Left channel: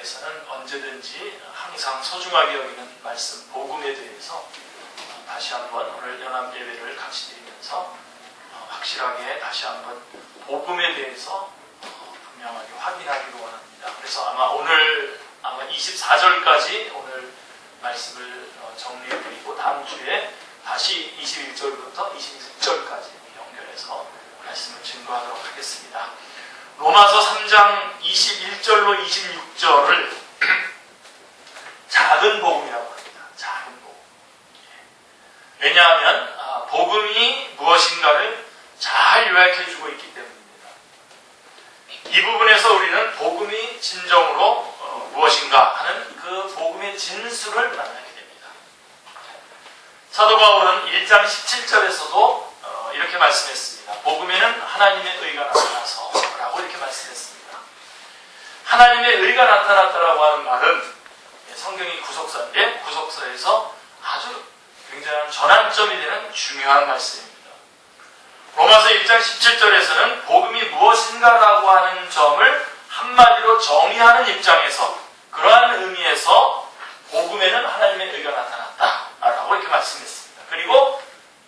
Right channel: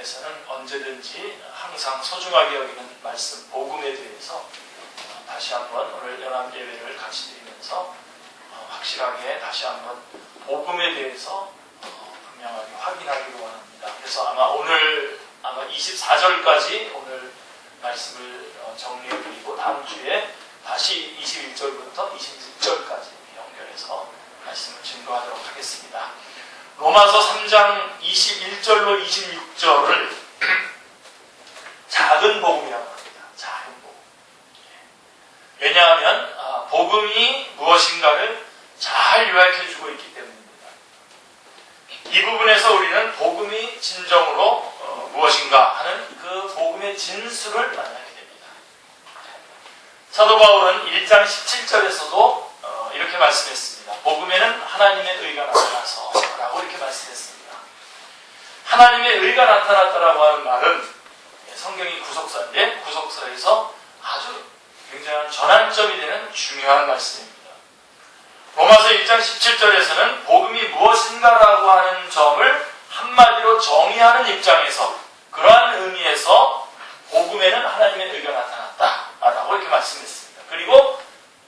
대해서는 언제든지 항상 소중하게 여기는 말씀 복음에 대해서 다시 한번 오늘 연합 예배를 같이 드리면서 확실하게 다시 한번 복음에 대해서 분명하게 확인하기를 원합니다. 그래서 오늘 24절까지 오늘 말씀을 정리해드리고 다음 주에 다시 21절부터 26절까지 연결해서 말씀을 증거하도록 하겠습니다. 로마서 3장 21절로 26절을 작은 복음이라고 합니다. 작은 복음. 왜냐하면 복음이 무엇인가를 잘 요약해주고 있기 때문입니다. 이 부분에서 우리는 복음이 진정으로 무엇인가 하는 그 복음의 진수를 만나게 됩니다. 사도 바울은 1장 17절에서도 이렇게 말씀했습니다. 복음에는 하나님의 의가 나타나서 라고 이렇게 말씀했습니다. 하나님의 의가 나타났다라고 하는 말은 성경이 구속사인데 구속사에서 아주 굉장한 전환점이 되는 중요한 말씀입니다. 로마서 1장 17절에서는 복음이 무엇인가라고 하는 점을 한마디로 정의하는 입장에서 그러한 의미에서 복음에는 하나님의 의가 나타났다라고 이렇게 말씀했습니다. 그리고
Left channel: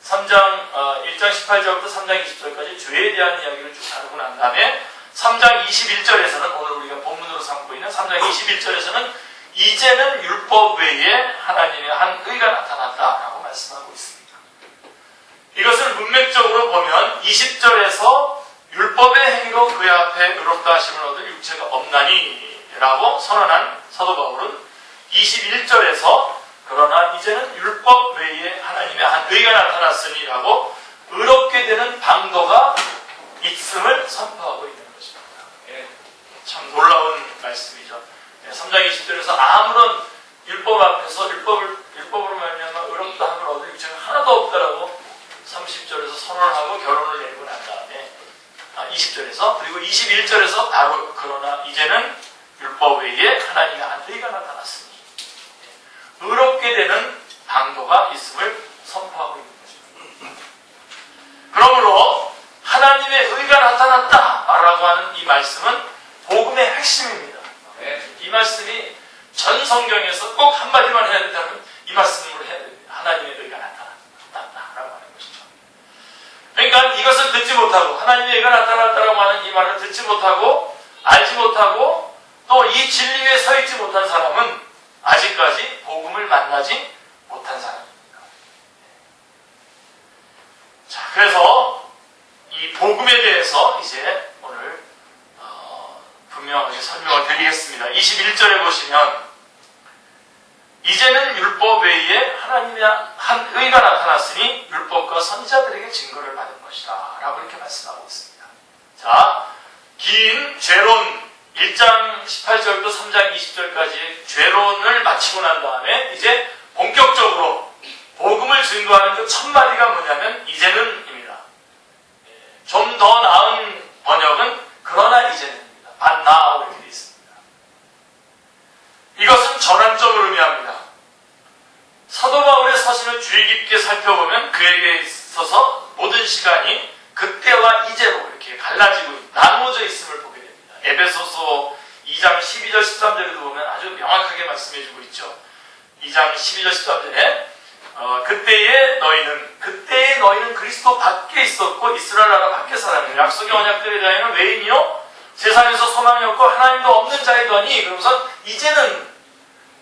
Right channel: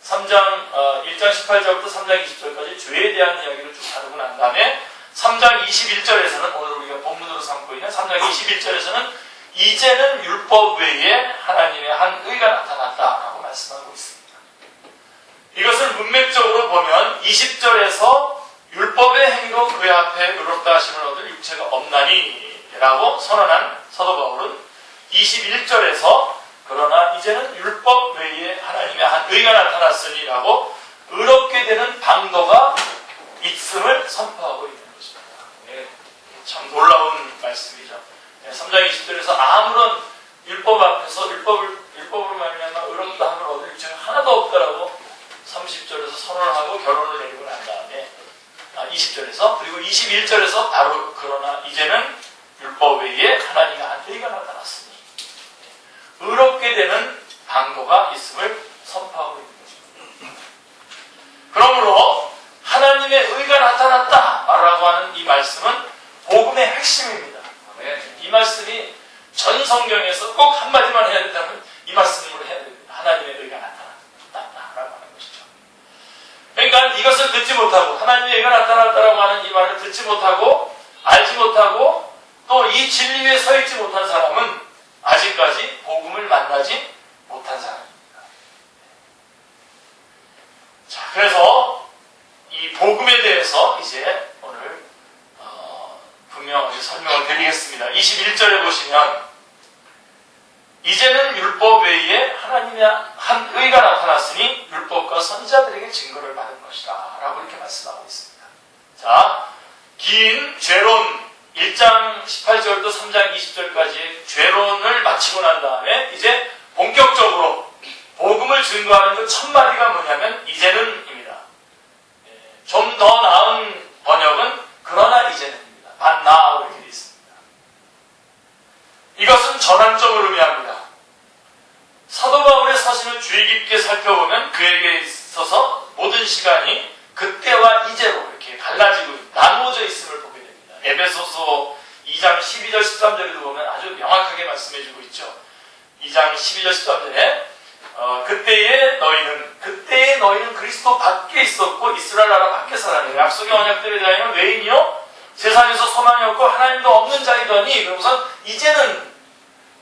1장 18절부터 3장 20절까지 죄에 대한 이야기를 쭉 다루고 난 다음에 3장 21절에서는 오늘 우리가 본문으로 삼고 있는 3장 21절에서는 이제는 율법 외에 하나님의 한 의가 나타났다라고 말씀하고 있습니다. 이것을 문맥적으로 보면 20절에서 율법의 행위로 그의 앞에 의롭다 하심을 얻을 육체가 없나니 라고 선언한 사도 바울은 21절에서 그러나 이제는 율법 외에 하나님의 한 의가 나타났으니 라고 의롭게 되는 방도가 있음을 선포하고 있는 것입니다. 참 놀라운 말씀이죠. 3장 20절에서 아무런 율법 앞에서 율법을 말미암아 의롭다 함을 얻을 육체가 하나도 없다라고 30절에서 선언을 하고 결론을 내리고 난 다음에 20절에서 그리고 21절에서 바로 그러나 이제는 율법 외에 하나님의 한 의가 나타났으니 의롭게 되는 방도가 있음을 선포하고 있는 것입니다. 그러므로 하나님의 의가 나타났다라고 하는 이 말씀은 복음의 핵심입니다. 이 말씀이 전 성경에서 꼭 한마디만 해야 된다면 이 말씀으로 해야 됩니다. 하나님의 의가 나타났다라고 하는 것이죠. 그러니까 이것을 듣지 못하고 하나님의 의가 나타났다라고 하는 이 말을 듣지 못하고 알지 못하고 또 이 진리 위에 서 있지 못한 사람은 아직까지 복음을 만나지 못한 사람입니다. 자, 그래서 이 복음에 대해서 이제 오늘 분명하게 설명을 드리겠습니다. 21절에 보시면 이제는 율법 외에 하나님의 한 의가 나타났으니 율법과 선지자들에게 증거를 받은 것이다 라고 이렇게 말씀하고 있습니다. 자, 긴 죄론 1장 18절부터 3장 20절까지의 죄론을 마치고 난 다음에 이제 본격적으로 복음을 증거하는 그 첫 마디가 뭐냐면 이제는입니다. 좀 더 나은 번역은 그러나 이제는입니다. 반나 이렇게 되어 있습니다. 이것은 전환점을 의미합니다. 사도 바울의 사신을 주의 깊게 살펴보면 그에게 있어서 모든 시간이 그때와 이제로 이렇게 갈라지고 나누어져 있음을 보게 됩니다. 에베소서 2장 12절 13절에도 보면 아주 명확하게 말씀해주고 있죠. 2장 12절 13절에 그때의 너희는 그리스도 밖에 있었고 이스라엘 나라 밖에 살았느니 약속의 언약들에 대하여는 외인이요 세상에서 소망이 없고 하나님도 없는 자이더니 그러면서 이제는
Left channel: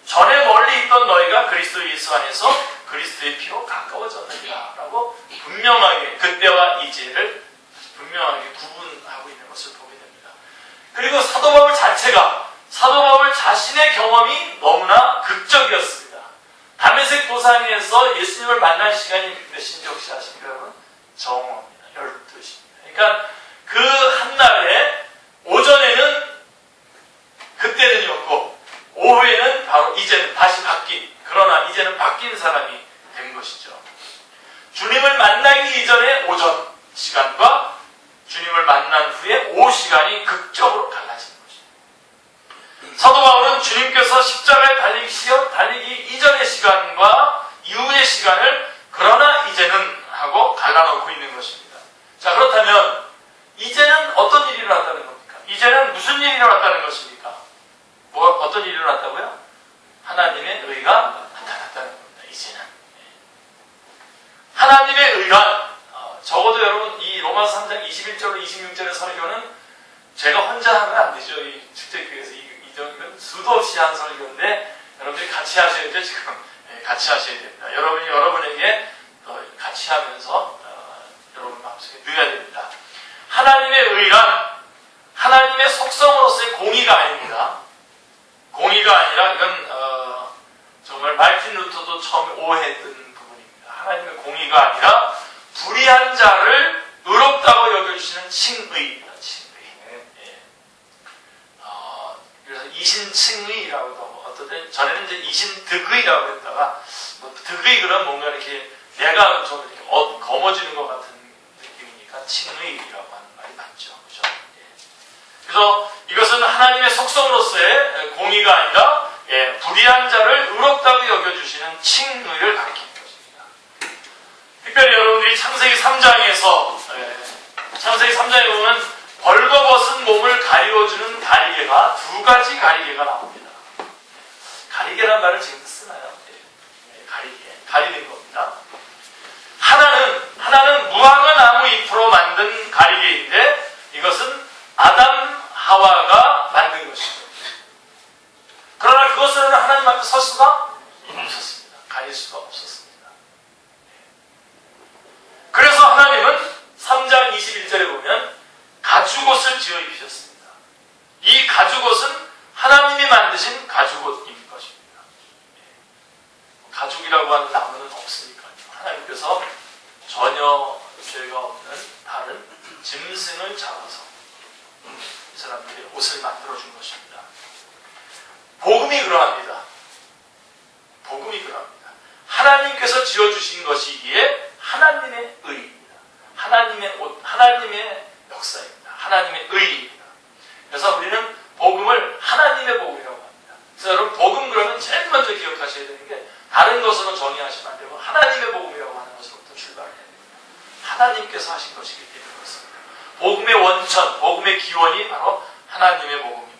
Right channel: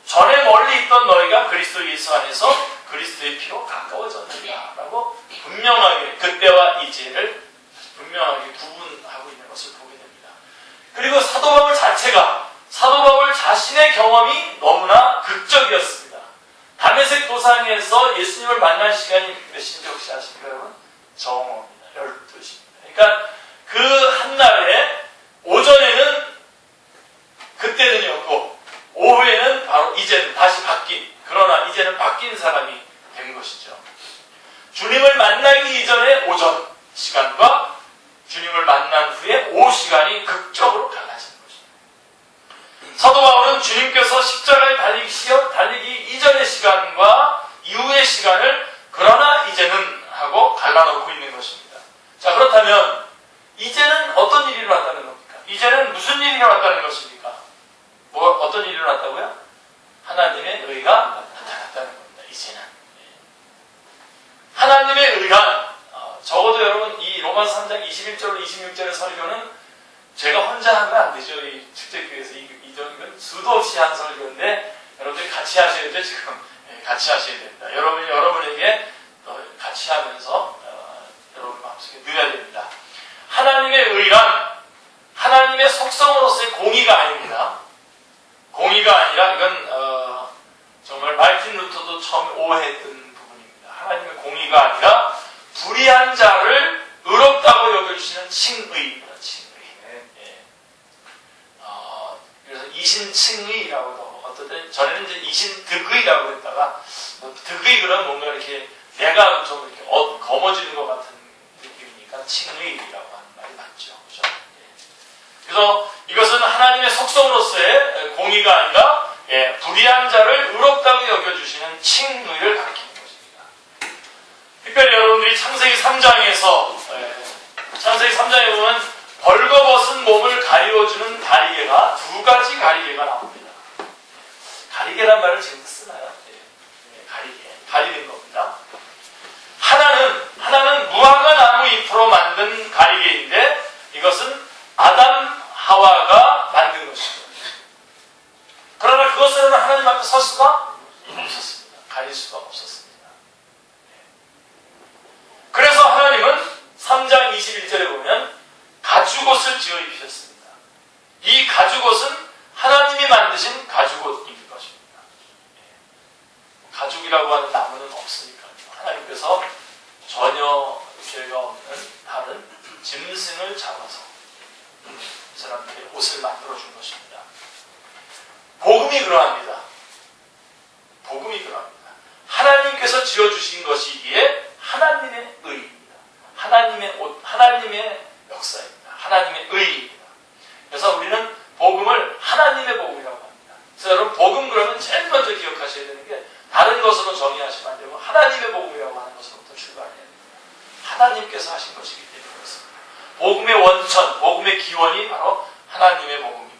전에 멀리 있던 너희가 그리스도 예수 안에서 그리스도의 피로 가까워졌느냐 라고 분명하게 그때와 이제를 분명하게 구분하고 있는 것을 보게 됩니다. 그리고 사도 바울 자체가 사도 바울 자신의 경험이 너무나 극적이었습니다. 다메섹 도상에서 예수님을 만난 시간이 몇인지 혹시 아십니까 여러분? 정오입니다. 12시입니다. 그러니까 그 한날에 오전에는 그때는이었고 오후에는 바로 이제는 다시 그러나 이제는 바뀐 사람이 된 것이죠. 주님을 만나기 이전의 오전 시간과 주님을 만난 후에 오후 시간이 극적으로 갈라진 것입니다. 사도 바울은 주님께서 십자가에 달리기 이전의 시간과 이후의 시간을 그러나 이제는 하고 갈라놓고 있는 것입니다. 자, 그렇다면 이제는 어떤 일이 일어났다는 겁니까? 이제는 무슨 일이 일어났다는 것입니까? 어떤 일이 일어났다고요? 하나님의 의가 나타났다는 겁니다. 이제는. 하나님의 의란 적어도 여러분 이 로마서 3장 21절로 26절의 설교는 제가 혼자 하면 안 되죠. 이 축제교회에서 이건 수도 없이 한 설교인데 여러분들이 같이 하셔야죠. 지금 같이 하셔야 됩니다. 여러분이 여러분에게 같이 하면서 여러분 마음속에 넣어야 됩니다. 하나님의 의란 하나님의 속성으로서의 공의가 아닙니다. 공의가 아니라 이건 정말 말틴 루터도 처음 오해했던 부분입니다. 하나님의 공의가 아니라 불의한 자를 의롭다고 여겨주시는 칭의입니다. 칭의. 그래서 이신칭의라고도 어떤 때 전에는 이제 이신득의라고 했다가 득의 그러면 뭔가 이렇게 내가 좀 이렇게 거머쥐는 것 같은 느낌이니까 칭의라고 하는 말이 맞죠. 그죠? 그래서 이것은 하나님의 속성으로서의 공의가 아니라 불의한 자를 의롭다고 여겨주시는 칭의를 가리키는 것입니다. 특별히 여러분들이 창세기 3장에서 창세기 3장에 보면 벌거벗은 몸을 가리워주는 가리개가 두 가지 가리개가 나옵니다. 가리개란 말을 지금 쓰나요? 가리개, 가리는 겁니다. 하나는 무화과 나무 잎으로 만든 가리개인데 이것은 아담 하와가 만든 것이죠. 그러나 그것으로는 하나님 앞에 설 수가 없었습니다. 가릴 수가 없었습니다. 그래서 하나님은 3장 21절에 보면 가죽옷을 지어 입히셨습니다. 이 가죽옷은 하나님이 만드신 가죽옷인 것입니다. 가죽이라고 하는 나무는 없으니까요. 하나님께서 전혀 죄가 없는 다른 짐승을 잡아서 사람들이 옷을 만들어준 것입니다. 복음이 그러합니다. 복음이 그러합니다. 하나님께서 지어주신 것이기에 하나님의 의입니다. 하나님의 옷, 하나님의 역사입니다. 하나님의 의입니다. 그래서 우리는 복음을 하나님의 복음이라고 합니다. 그래서 여러분 복음 그러면 제일 먼저 기억하셔야 되는 게 다른 것으로 정의하시면 안 되고 하나님의 복음이라고 하는 것으로부터 출발해야 됩니다. 하나님께서 하신 것이기 때문에 그렇습니다. 복음의 원천, 복음의 기원이 바로 하나님의 복음입니다.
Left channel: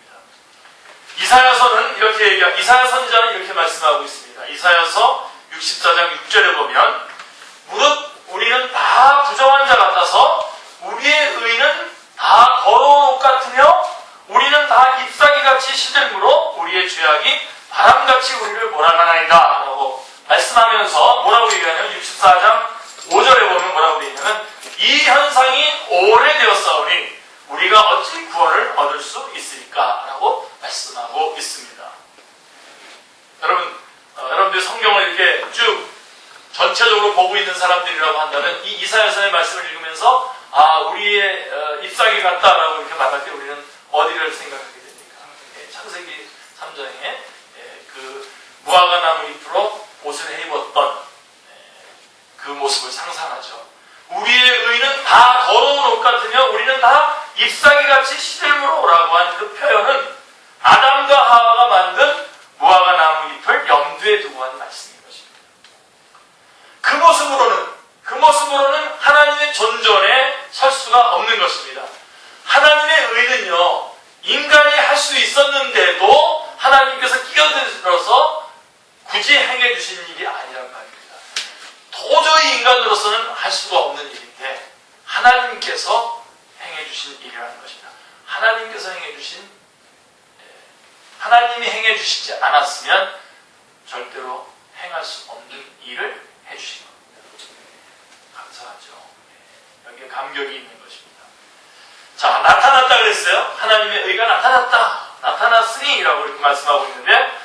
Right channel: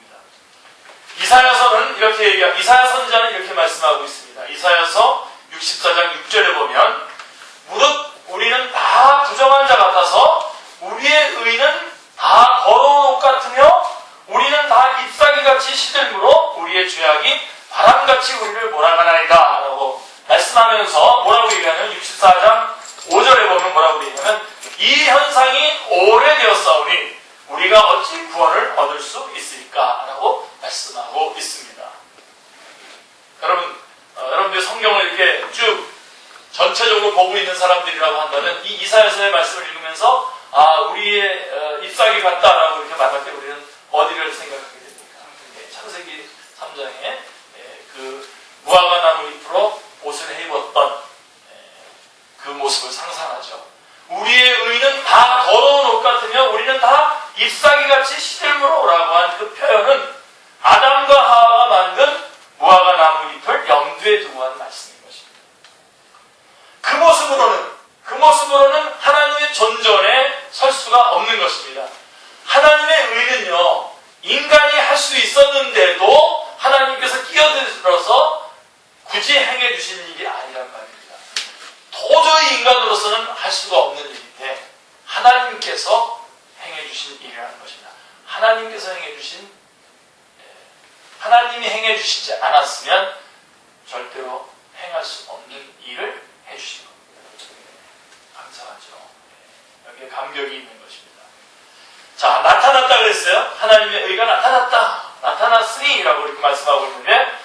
이사야서는 이렇게 이사야 선지자는 이렇게 말씀하고 있습니다. 이사야서 64장 6절에 보면 무릇 우리는 다 부정한 자 같아서 우리의 의는 다 더러운 옷 같으며 우리는 다 잎사귀같이 시들므로 우리의 죄악이 바람같이 우리를 몰아가나이다 라고 말씀하면서 뭐라고 얘기하냐면 64장 5절에 보면 뭐라고 되냐면 이 현상이 오래되었사오니 우리가 어찌 구원을 얻을 수 있을까 라고 말씀하고 있습니다. 여러분들 성경을 이렇게 쭉 전체적으로 보고 있는 사람들이라고 한다면 이 이사야서의 말씀을 읽으면서 우리의 잎사귀 같다라고 이렇게 말할 때 우리는 어디를 생각하게 됩니까? 창세기 3장에 그 무화과 나무 잎으로 옷을 해입었던 그 모습을 상상하죠. 우리의 의는 다 더러운 옷 같으며 우리는 다 잎사귀같이 시들므로라고 한 그 표현은 아담과 하와가 만든 무화과 나무 잎을 염두에 두고 한 말씀인 것입니다. 그 모습으로는 하나님의 존전에 설 수가 없는 것입니다. 하나님의 의는요, 인간이 할 수 있었는데도 하나님께서 끼어들어서 굳이 행해 주신 일이 아니란 말입니다. 도저히 인간으로서는 할 수가 없는 일인데 하나님께서 행해 주신 일이라는 것입니다. 하나님이 행해 주시지 않았으면 절대로 행할 수 없는 일을 해 주신 겁니다. 감사하죠. 여기에 감격이 있는 것입니다. 자, 나타났다 그랬어요. 하나님의 의가 나타났으니 라고 이렇게 말씀하고 있는데,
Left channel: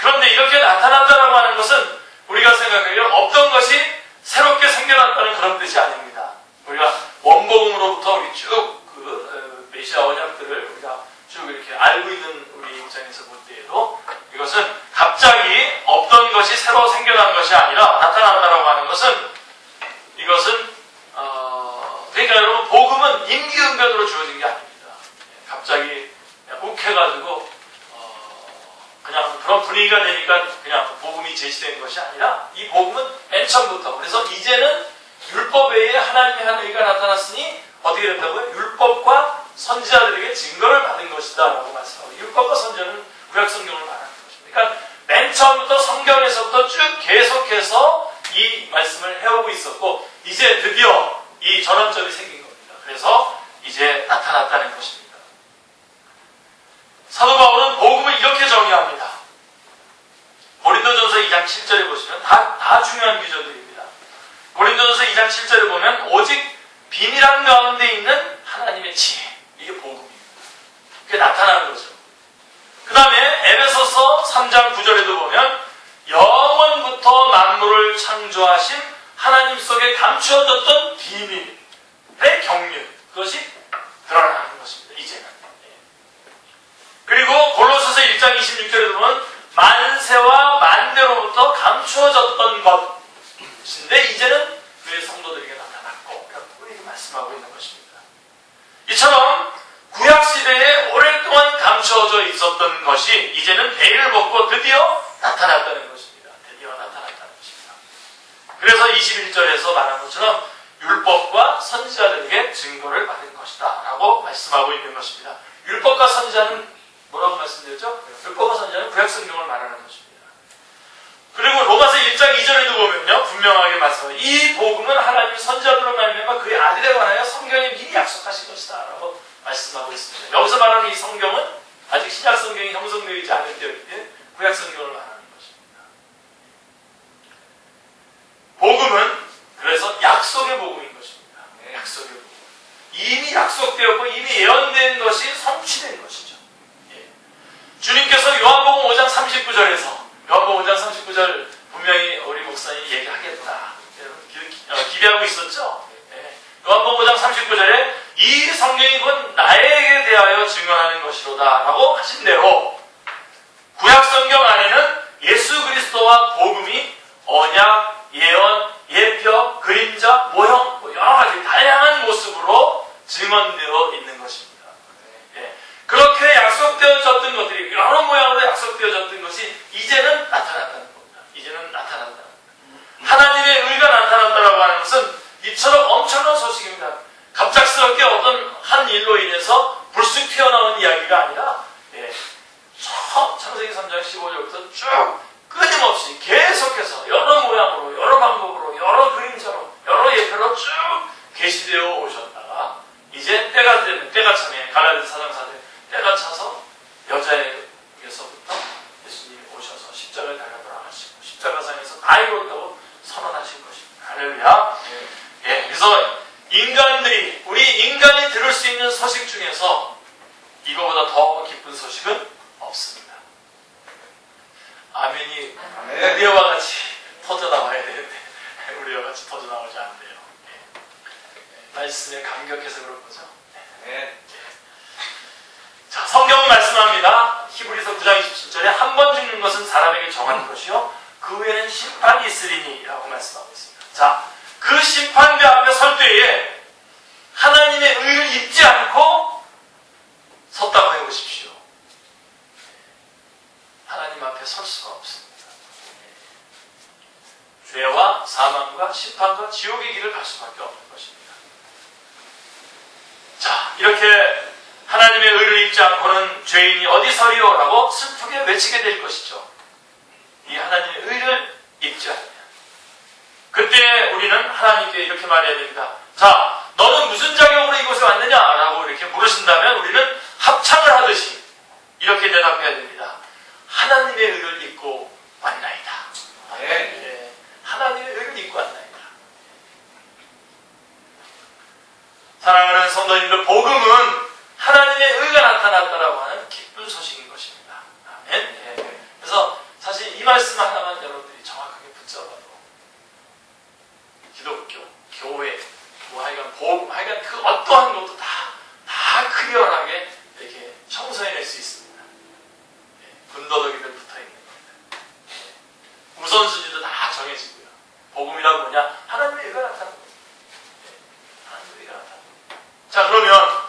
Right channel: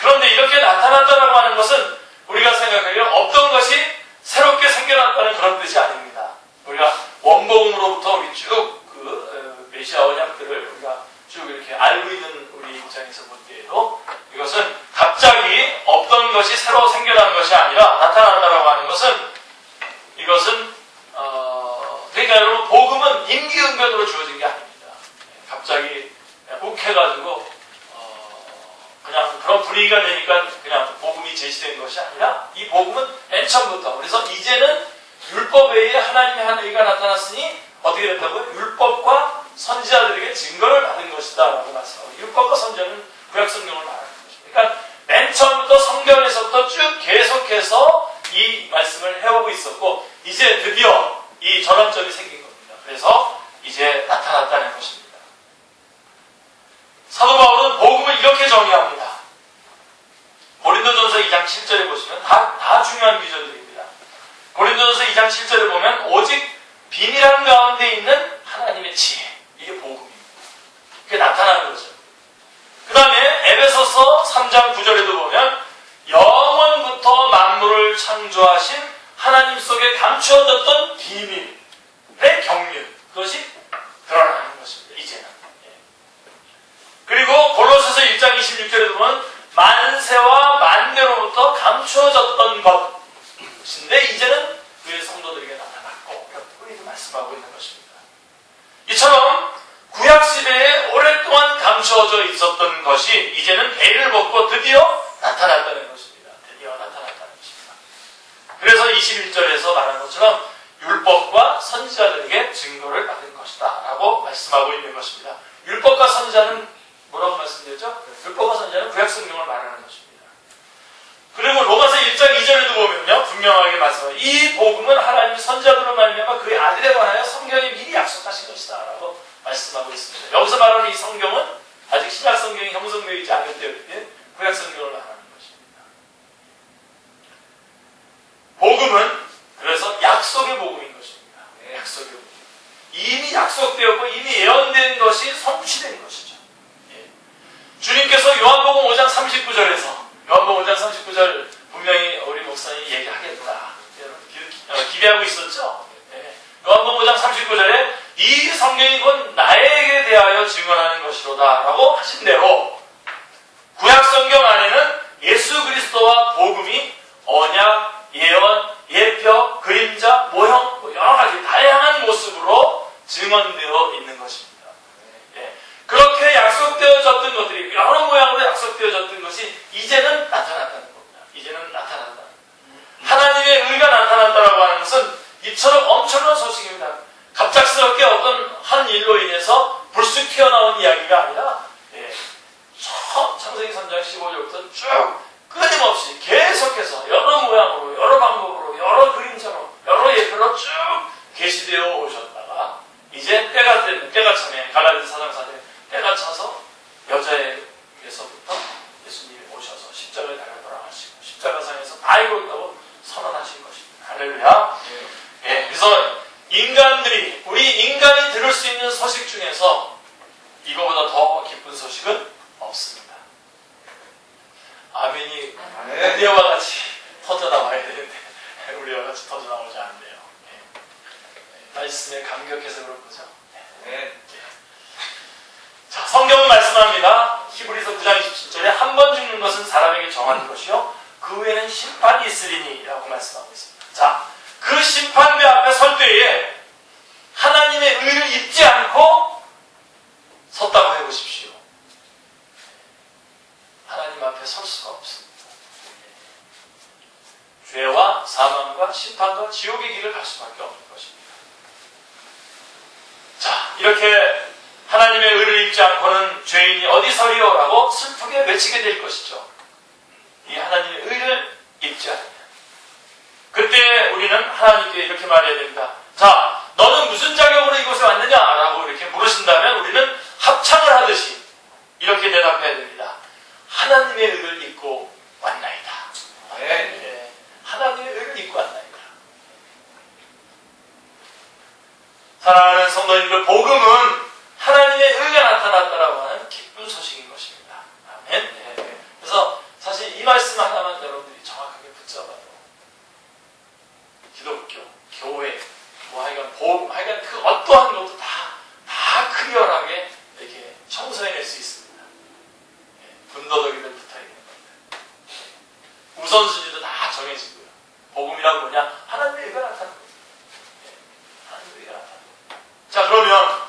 그런데 이렇게 나타났다라고 하는 것은 우리가 생각하기에 없던 것이 새롭게 생겨났다는 그런 뜻이 아닙니다. 우리가 원복음으로부터 우리 쭉 메시아 언약들을 우리가 쭉 이렇게 알고 있는 우리 입장에서 볼 때에도 이것은 갑자기 없던 것이 새로 생겨난 것이 아니라 나타났다라고 하는 것은 이것은 그러니까 여러분 복음은 임기응변으로 주어진 게 아닙니다. 갑자기 욱해가지고 그냥 그런 분위기가 되니까 그냥 복음이 제시된 것이 아니라 이 복음은 맨 처음부터, 그래서 이제는 율법 외에 하나님의 한 의가 나타났으니 어떻게 된다고요? 율법과 선지자들에게 증거를 받은 것이다 라고 말씀하고, 율법과 선지자는 구약 성경을 말하는 것입니다. 그러니까 맨 처음부터 성경에서부터 쭉 계속해서 이 말씀을 해오고 있었고 이제 드디어 이 전환점이 생긴 겁니다. 그래서 이제 나타났다는 것입니다. 사도 바울은 복음을 이렇게 정의합니다. 고린도전서 2장 7절에 보시면 다 중요한 구절들입니다. 고린도전서 2장 7절에 보면 오직 비밀한 가운데 있는 하나님의 지혜, 이게 복음입니다. 그게 나타나는 거죠. 그 다음에 에베소서 3장 9절에도 보면 영원부터 만물을 창조하신 하나님 속에 감추어졌던 비밀의 경륜, 그것이 드러나는 것입니다. 이제는. 그리고 골로새서 1장 26절에도 보면 만세와 만대로부터 감추어졌던 것인데 이제는 그의 성도들에게 나타났고 이렇게 말씀하고 있는 것입니다. 이처럼 구약시대에 오랫동안 감추어져 있었던 것이 이제는 베일을 벗고 드디어 나타났다는 것입니다. 드디어 나타났다는 것입니다. 그래서 21절에서 말한 것처럼 율법과 선지자들에게 증거를 받은 것이다 라고 말씀하고 있는 것입니다. 율법과 선지자는 뭐라고 말씀드렸죠? 율법과 선지자는 구약성경을 말하는 것입니다. 그리고 로마서 1장 2절에도 보면요 분명하게 말씀합니다. 이 복음은 하나님이 선지자들로 말미암아 그의 아들에 관하여 성경에 미리 약속하신 것이다 라고 말씀하고 있습니다. 여기서 말하는 이 성경은 아직 신약성경이 형성되지 않은 때인데 구약성경을 말하는 것입니다. 복음은 그래서 약속의 복음인 것입니다. 약속의 복음. 이미 약속되었고 이미 예언된 것이 성취된 것이죠. 주님께서 요한복음 5장 39절에서 요한복음 5장 39절 분명히 우리 목사님이 얘기하겠다 기대하고 있었죠. 요한복음 5장 39절에 이 성경이 곧 나에게 대하여 증언하는 것이로다 라고 하신 대로 구약성경 안에는 예수 그리스도와 복음이 언약, 예언, 예표, 그림자, 모형 여러 가지 다양한 모습으로 증언되어 있는 것입니다. 그렇게 약속되어졌던 것들이 여러 모양으로 약속되어졌던 것이 이제는 나타났다는 겁니다. 이제는 나타난다. 하나님의 의가 나타났다라고 하는 것은 이처럼 엄청난 소식입니다. 갑작스럽게 어떤 한 일로 인해서 불쑥 튀어나온 이야기가 아니라 창세기 3장 15절부터 쭉 끊임없이 계속해서 여러 모양으로 여러 방법으로 여러 그림자로 여러 예표로 쭉 계시되어 오셨다가 이제 때가 참에 갈라디아 4장 4절에 때가 차서 여자에게서부터 예수님이 오셔서 십자가를 달려 돌아가시고 십자가상에서 다 이뤘다고 선언하신 것입니다. 할렐루야. 그래서 우리 인간이 들을 수 있는 소식 중에서 이거보다 더 기쁜 소식은 없습니다. 아멘이 우리와 같이 터져나와야 되는데 우리와 같이 터져나오지 않는데요. 말씀에 감격해서 그런 거죠. 자, 성경은 말씀합니다. 히브리서 9장 27절에 한 번 죽는 것은 사람에게 정한 것이요 그 후에는 심판이 있으리니 라고 말씀하고 있습니다. 자, 그 심판대 앞에 설 때에 하나님의 의를 잊지 않고 섰다고 해보십시오. 하나님 앞에 설 수가 없습니다. 죄와 사망과 심판과 지옥의 길을 갈 수밖에 없는 것입니다. 자, 이렇게 하나님의 의를 입지 않고는 죄인이 어디 서리요? 라고 슬프게 외치게 될 것이죠. 이 하나님의 의를 입지 않으면. 그때 우리는 하나님께 이렇게 말해야 됩니다. 자, 너는 무슨 자격으로 이곳에 왔느냐? 라고 이렇게 물으신다면 우리는 합창을 하듯이 이렇게 대답해야 됩니다. 하나님의 의를 입고 왔나이다. 하나님의 의를 입고 왔나이다. 사랑하는 성도님들, 복음은 하나님의 의가 나타났다라고 하는 기쁜 소식인 것입니다. 아멘. 그래서 사실 이 말씀 하나만 여러분들이 정확하게 붙잡아도 기독교, 교회, 하여간 복음, 하여간 그 어떠한 것도 다 클리어하게 이렇게 청소해낼 수 있습니다. 군더더기들 붙어 있는 겁니다. 우선순위도 다 정해지고요. 복음이란 뭐냐? 하나님의 의가 나타나는 겁니다. 하나님의 의가 나타나는 겁니다. 자, 그러면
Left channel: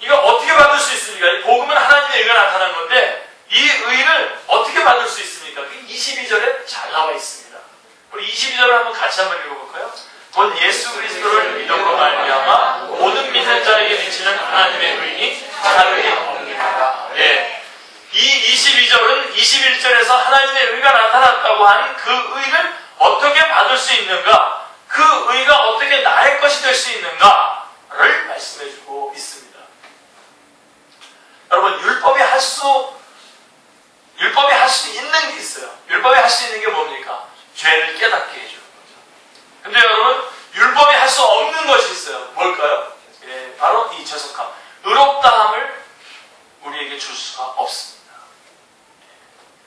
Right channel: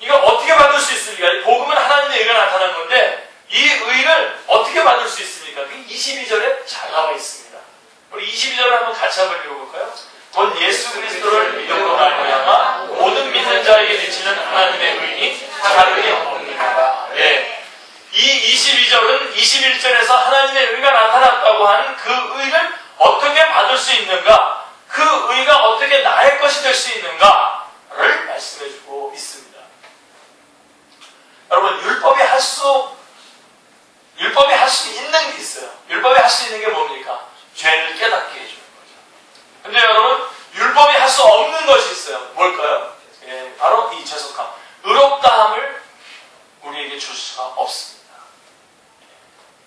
이거 어떻게 받을 수 있습니까? 이 복음은 하나님의 의가 나타난 건데 이 의를 어떻게 받을 수 있습니까? 22절에 잘 나와 있습니다. 우리 22절을 같이 한번 읽어볼까요? 곧 예수 그리스도를 믿음으로 말미암아 모든 믿는 자에게 미치는 하나님의 의니 다름이 없느니라. 이 의라고 하는 그 의를 어떻게 받을 수 있는가, 그 의가 어떻게 나의 것이 될 수 있는가를 말씀해주고 있습니다. 여러분, 율법이 할 수 있는 게 있어요. 율법이 할 수 있는 게 뭡니까? 죄를 깨닫게 해주는 거죠. 근데 여러분, 율법이 할 수 없는 것이 있어요. 뭘까요? 예, 바로 이 죄속함, 의롭다함을 우리에게 줄 수가 없습니다.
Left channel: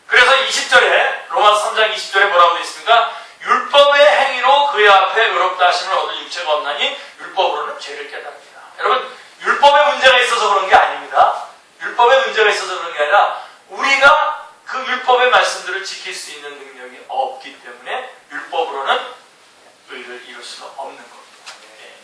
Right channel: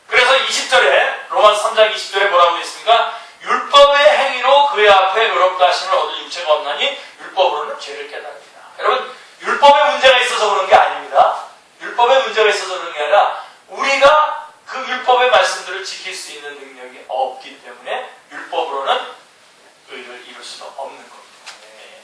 그래서 20절에, 로마서 3장 20절에 뭐라고 되어 있습니까? 율법의 행위로 그의 앞에 의롭다 하심을 얻을 육체가 없나니 율법으로는 죄를 깨닫느니라. 여러분, 율법에 문제가 있어서 그런 게 아닙니다. 율법에 문제가 있어서 그런 게 아니라 우리가 그 율법의 말씀들을 지킬 수 있는 능력이 없기 때문에 율법으로는 의를 이룰 수가 없는 겁니다. 예.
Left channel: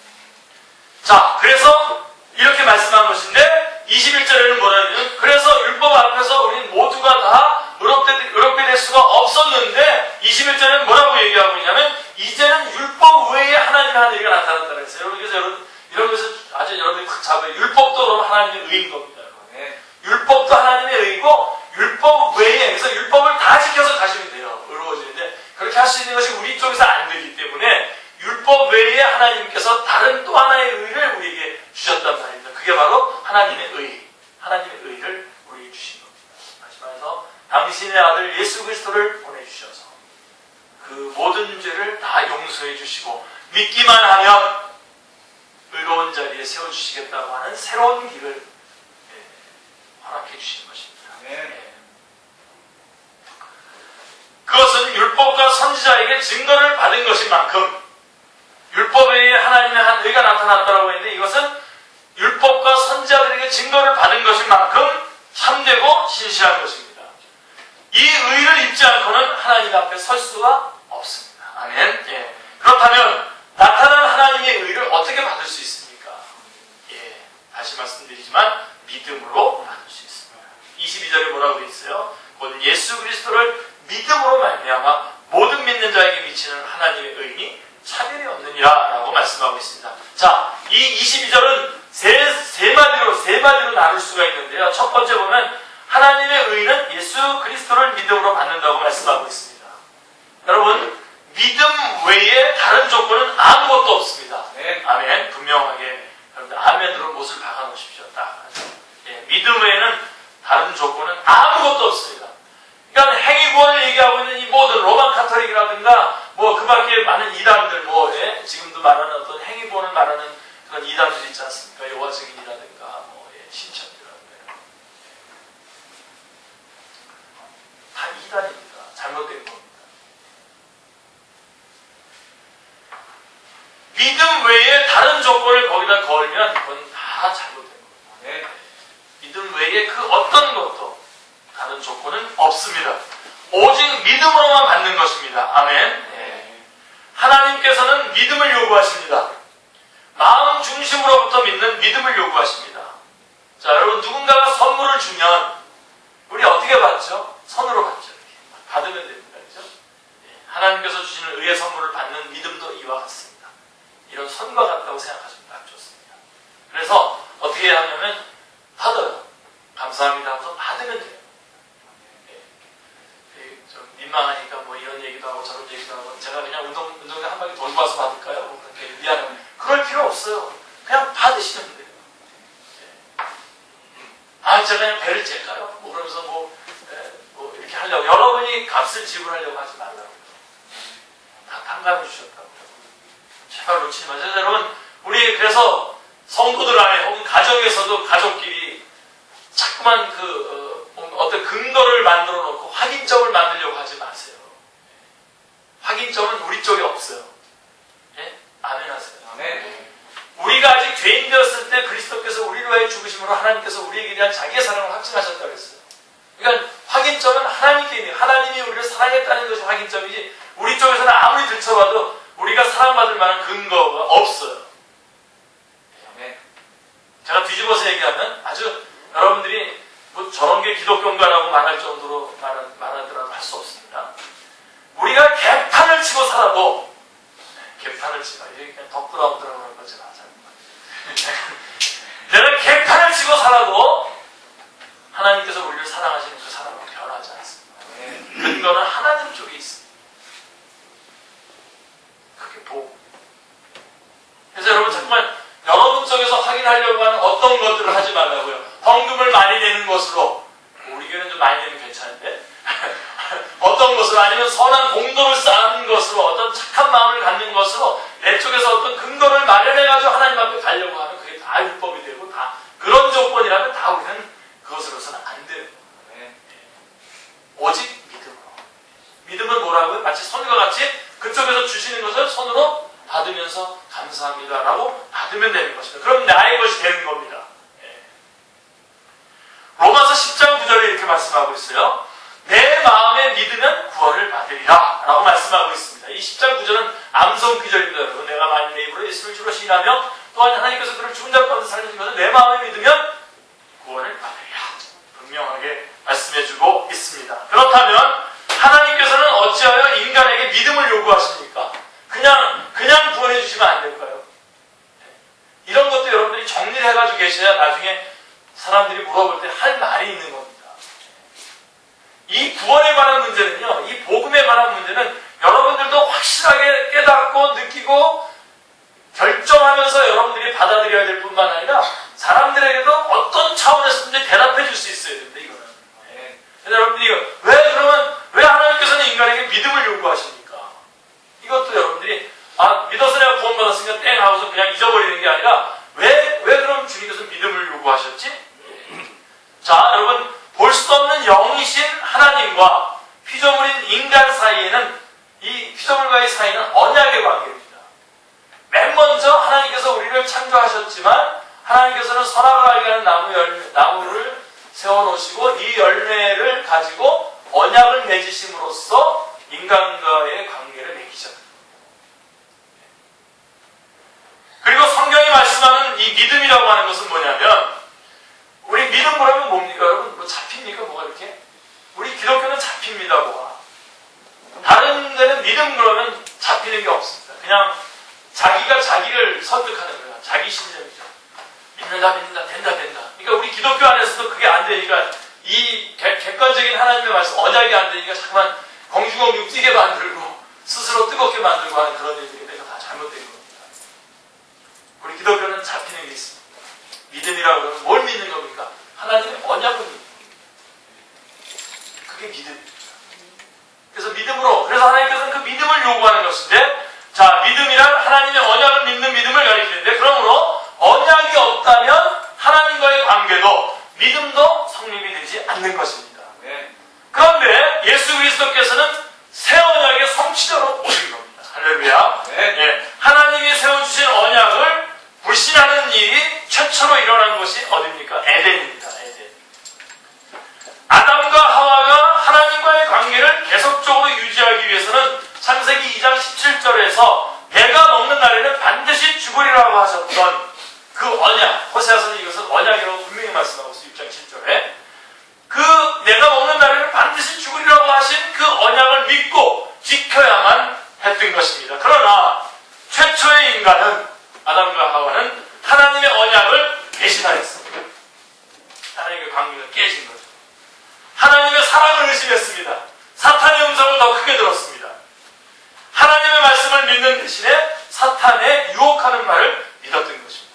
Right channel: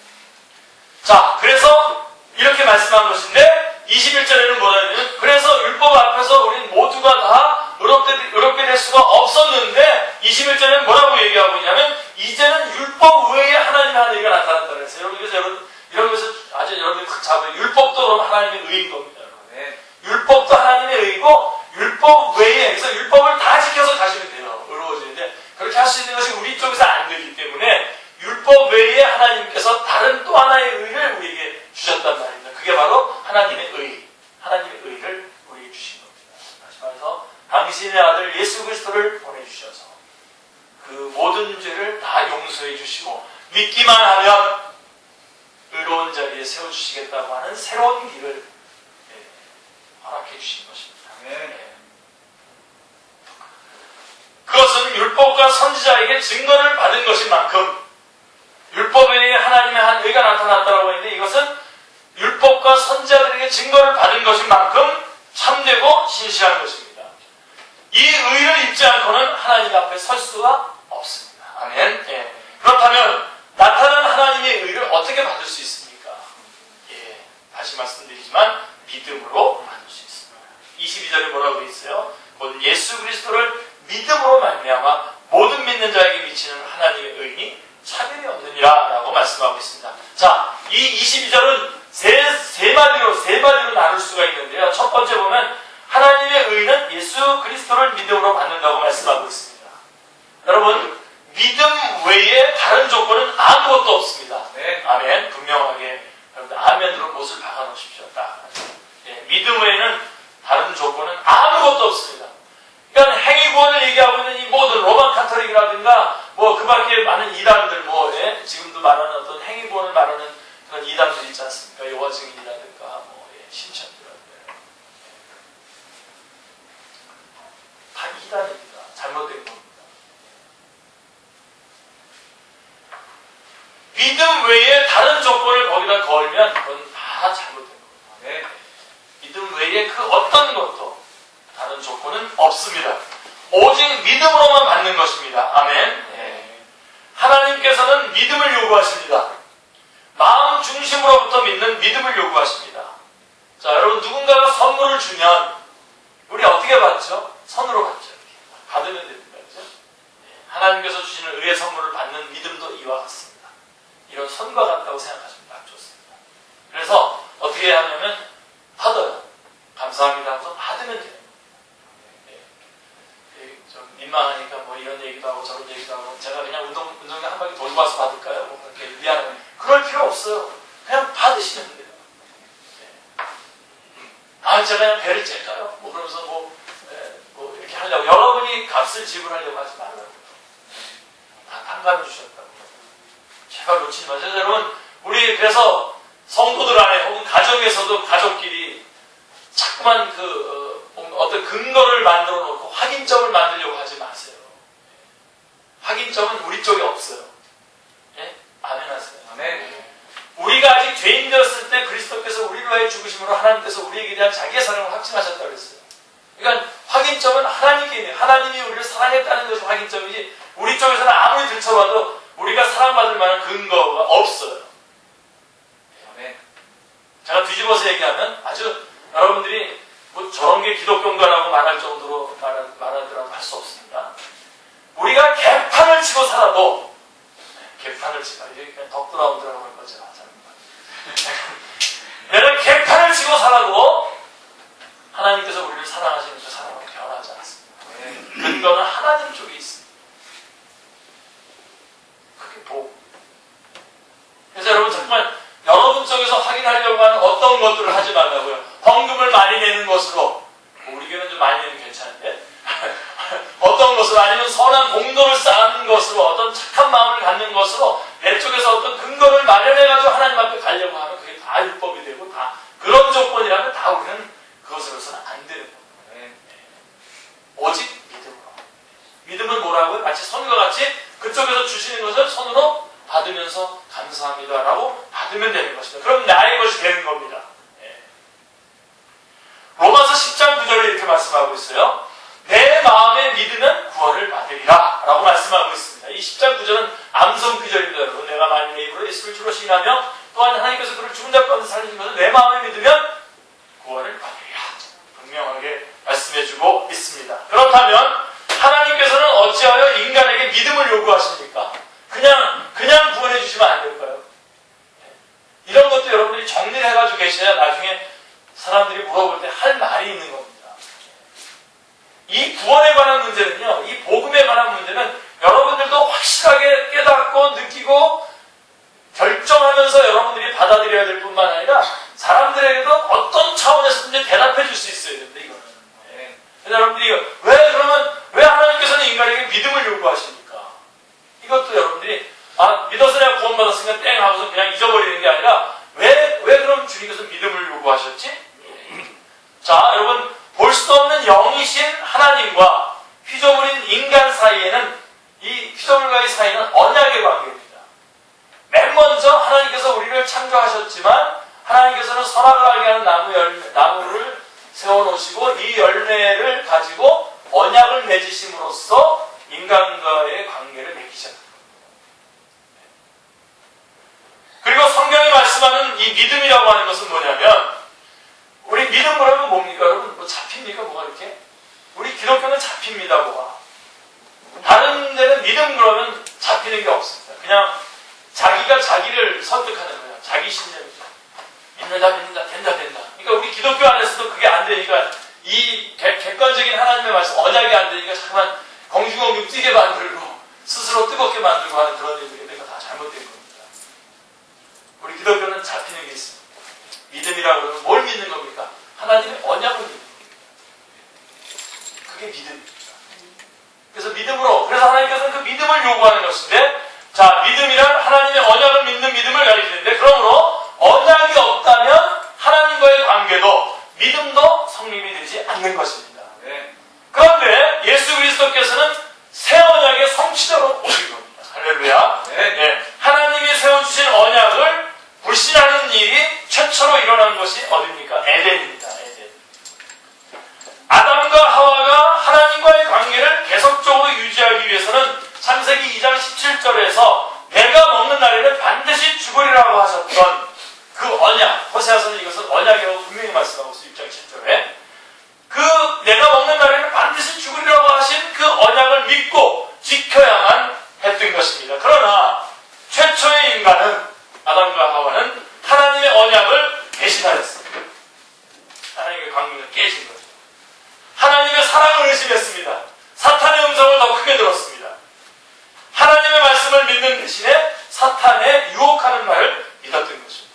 자, 그래서 이렇게 말씀한 것인데 21절에는 뭐라 하냐면, 그래서 율법 앞에서 우리 모두가 다 의롭게 될 수가 없었는데 21절에는 뭐라고 얘기하고 있냐면, 이제는 율법 외에 하나님의 한 의가 나타났다고 했어요. 그래서 여러분, 이런 것에서 아주 여러분이 탁 잡아요. 율법도 그럼 하나님의 의인 겁니다. 네. 율법도 하나님의 의고, 율법 외에, 그래서 율법을 다 지켜서 가시면 돼요. 의로워지는데, 그렇게 할 수 있는 것이 우리 쪽에서 안 되기 때문에 율법 외에 하나님께서 다른 또 하나의 의를 우리에게 주셨단 말입니다. 그게 바로 하나님의 의를 우리에게 주신 겁니다. 다시 말해서 당신의 아들 예수 그리스도를 보내주셔서 그 모든 죄를 다 용서해 주시고 믿기만 하면 의로운 자리에 세워주시겠다고 하는 새로운 길을 허락해 주신 것입니다. 네. 그것은 율법과 선지자에게 증거를 받은 것인 만큼, 율법에 하나님의 한 의가 나타났다고 했는데, 이것은 율법과 선지자들에게 증거를 받은 것인 만큼 참되고 진실한 것입니다. 이 의를 입지 않고는 하나님 앞에 설 수가 없습니다. 아멘. 예. 그렇다면 나타난 하나님의 의를 어떻게 받을 수 있습니까? 예. 다시 말씀드리지만 믿음으로 받을 수 있습니다. 22절에 뭐라고 되어 있어요? 곧 예수 그리스도를 믿음으로 말미암아 모든 믿는 자에게 미치는 하나님의 의인이 차별이 없느니라 라고 말씀하고 있습니다. 자, 이 22절은 세 마디로 나눌 수가 있는데요. 첫 번째 보면 하나님의 의는 예수 그리스도를 믿음으로 받는다고 말씀하고 있습니다. 여러분, 믿음 외에 다른 조건은 아무것도 없습니다. 네. 아멘. 분명하게 여러분들 아멘으로 못을 박아 놓으십시오. 딱. 예, 믿음 외에는 다른 조건은 아무것도 없습니다. 그러니까 행위구원을 얘기하고 있는 이 모든 로만 카톨릭이라든가 뭐 그 밖에 많은 이단들, 예, 지금도 말하는 어떤 행위구원을 말하는 그런 이단들이 있지 않습니까? 여호와 증인이라든가 뭐 신천지라든가 다 이단입니다. 잘못된 겁니다. 믿음 외에 다른 조건을 거기다 걸면 그건 다 잘못된 겁니다. 네. 믿음 외에 그 어떤 것도 다른 조건은 없습니다. 오직 믿음으로만 받는 것입니다. 아멘. 네. 하나님께서는 믿음을 요구하십니다. 마음 중심으로부터 믿는 믿음을 요구하십니다. 자, 여러분, 누군가가 선물을 주면 우리 어떻게 받죠? 선으로 받죠. 이렇게 받으면 됩니다. 그죠? 하나님께서 주시는 의의 선물을 받는 믿음도 이와 같습니다. 이런 선과 같다고 생각하시면 딱 좋습니다. 그래서 어떻게 하냐면 받아요. 감사합니다 하면서 받으면 돼요. 좀 민망하니까 뭐 이런 얘기도 하고 저런 얘기도 하고, 제가 그냥 운동장 한 바퀴 돌고 와서 받을까요? 뭐 그렇게 미안해. 그럴 필요 없어요. 그냥 받으시면 돼요. 아, 제가 그냥 배를 찔까요? 뭐 그러면서 뭐 이렇게 하려고, 여러분이 값을 지불하려고 하지 말라고요. 다 탕감해 주셨다고. 제발 놓치지 마세요. 여러분, 우리 그래서 성도들 안에 혹은 가정에서도 가족끼리 자꾸만 어떤 근거를 만들어 놓고 확인점을 만들려고 하지 마세요. 확인점은 우리 쪽에 없어요. 예? 아멘 하세요. 아멘. 우리가 아직 죄인 되었을 때 그리스도께서 우리를 위하여 죽으심으로 하나님께서 우리에게 대한 자기의 사랑을 확증하셨다고 했어요. 그러니까 확인점은 하나님께 있는, 하나님이 우리를 사랑했다는 것이 확인점이지, 우리 쪽에서는 아무리 들춰봐도 우리가 사랑받을 만한 근거가 없어요. 아멘. 제가 뒤집어서 얘기하면 아주 여러분들이 뭐 저런 게 기독교인가라고 말할 정도로 말하더라도 할 수 없습니다. 우리가 개판을 치고 살아도, 개판을 치고, 이게 그냥 덕브라운드라고 하는 거 제가 하잖아요. 내가 개판을 치고 살아도 하나님께서 우리를 사랑하시는 그 사랑은 변하지 않습니다. 근거는 하나님 쪽에 있습니다. 그게 복. 그래서 여러분 정말 여러분 속에서 확인하려고 하는 어떤 것들을 하지 말라고요. 헌금을 많이 내는 것으로, 우리 교회는 좀 많이 내면 괜찮은데 어떤 것으로, 아니면 선한 공덕을 쌓는 것으로, 어떤 착한 마음을 갖는 것으로 내 쪽에서 어떤 근거를 마련해가지고 하나님 앞에 가려고 하면 그게 다 율법이 되고, 다 그런 조건이라면 다 우리는 그것으로서는 안 되는 거예요. 오직 믿음으로. 믿음은 뭐라고요? 마치 선과 같이 그쪽에서 주시는 것을 손으로 받으면서 감사합니다라고 받으면 되는 것입니다. 그럼 나의 것이 되는 겁니다. 로마서 10장 9절에 이렇게 말씀하고 있어요. 내 마음에 믿으면 구원을 받으리라 라고 말씀하고 있습니다. 이 10장 9절은 암송 구절입니다. 여러분, 내가 만일 내 입으로 예수를 주로 시인하며 또한 하나님께서 그를 죽은 자 가운데 살리신 것을 내 마음에 믿으면 구원을 받으리라, 분명하게 말씀해주고 있습니다. 그렇다면 하나님께서는 어찌하여 인간에게 믿음을 요구하십니까? 그냥 구원해 주시면 안 될까요? 이런 것도 여러분들이 정리를 해가지고 계셔야 나중에 사람들이 물어볼 때 할 말이 있는 겁니다. 이 구원에 관한 문제는요, 이 복음에 관한 문제는 여러분들도 확실하게 깨닫고 느끼고 결정하면서 여러분들이 받아들여야 될 뿐만 아니라 사람들에게도 어떤 차원에서든지 대답해 줄 수 있어야 됩니다. 이거는. 그래서 여러분들이 왜 하나님께서는 인간에게 믿음을 요구하십니까? 이것도 여러분들이 믿어서 내가 구원받았으니까 땡 하고서 그냥 잊어버리는 게 아니라 왜 그럼 주님께서 믿음을 요구하셨지? 자, 여러분, 볼 수 없는 영이신 하나님과 피조물인 인간 사이에는, 이 피조물과의 사이는 언약의 관계입니다. 맨 먼저 하나님께서 우리를 창조하셨지만 하나님께서는 선악을 알게 하는 나무를 세워놓으시고 이 열매를 가지고 언약을 맺으심으로써 인간과의 관계를 맺으셨습니다. 그리고 성경이 말씀하는 이 믿음이라고 하는 것은 뭐냐면, 우리 믿음 그러면 뭡니까? 여러분, 뭐 잡힙니까? 뭐가 이렇게? 우리 기독교는 잡힙니다, 뭐가. 다른 데는 믿음 그러면 잡히는 게 없습니다. 그냥 자기가 자기를 설득하는 거예요. 자기 신념이죠. 믿는다, 된다. 그러니까 우리 기독교 안에서도 그게 안 되니까, 이 객관적인 하나님의 말씀, 언약이 안 되니까 자꾸만 공중공중 뛰게 만들고 스스로 뜨겁게 만들고 하는 그런 일들이 내가 다 잘못된 겁니다. 우리 기독교는 잡히는 게 있습니다. 믿음이라고 그러면 뭘 믿는 겁니까? 하나님의 언약을 믿는 겁니다. 그게 믿음입니다. 그래서 하나님께서는 그 믿음을 요구하는 것인데, 자, 믿음이란 하나님의 언약을 믿는 믿음을 가리키는데, 그러므로 언약이 없다면 하나님과의 관계도 믿음도 성립이 되지 않는 것입니다. 그런데 예수 그리스도께서는 새 언약의 성취자로 오신 겁니다. 할렐루야. 하나님이 세워주신 언약을 불신하는 일이 최초로 일어난 것이 어디입니까? 에덴입니다. 에덴. 아담과 하와가 하나님과의 관계를 계속적으로 유지하기 위해서는 창세기 2장 17절에서 내가 먹는 날에는 반드시 죽으리라고 하셨던 그 언약, 호세아서는 이것은 언약이라고 분명히 말씀하고 있어요. 6장 7절에. 그 내가 먹는 날에는 반드시 죽으리라고 하신 그 언약을 믿고 지켜야만 했던 것입니다. 그러나 최초의 인간은, 아담과 하와는 하나님의 언약을 배신하였습니다. 하나님의 관계가 깨진 거죠. 하나님의 사랑을 의심했습니다. 사탄의 음성을 더 크게 들었습니다. 하나님의 말씀을 믿는 대신에 사탄의 유혹하는 말을 믿었던 것입니다.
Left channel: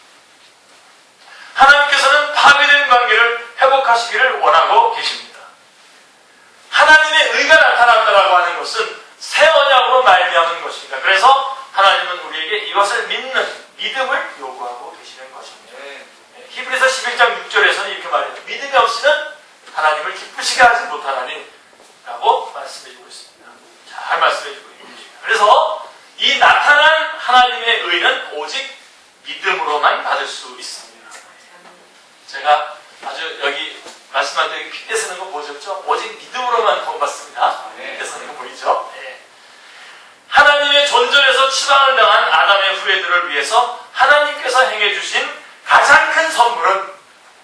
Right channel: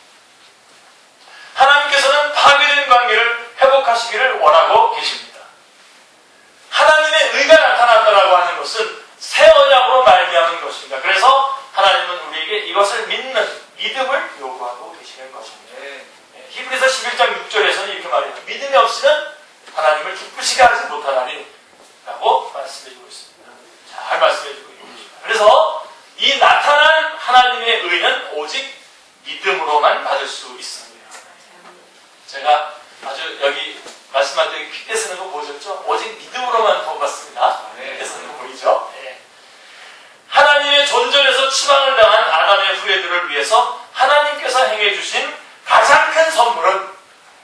하나님께서는 파괴된 관계를 회복하시기를 원하고 계십니다. 하나님의 의가 나타났다라고 하는 것은 새 언약으로 말미암은 것입니다. 그래서 하나님은 우리에게 이것을 믿는 믿음을 요구하고 계시는 것입니다. 히브리서 11장 6절에서는 이렇게 말해요. 믿음이 없이는 하나님을 기쁘시게 하지 못하나니 라고 말씀해주고 있습니다. 잘 말씀해주고 있습니다. 그래서 이 나타난 하나님의 의는 오직 믿음으로만 받을 수 있습니다. 제가 아주 여기 말씀할 때 핏대 쓰는 거 보셨죠? 오직 믿음으로만 구원받습니다. 핏대 쓰는 거 보이죠? 하나님의 존전에서 추방을 당한 아담의 후예들을 위해서 하나님께서 행해주신 가장 큰 선물은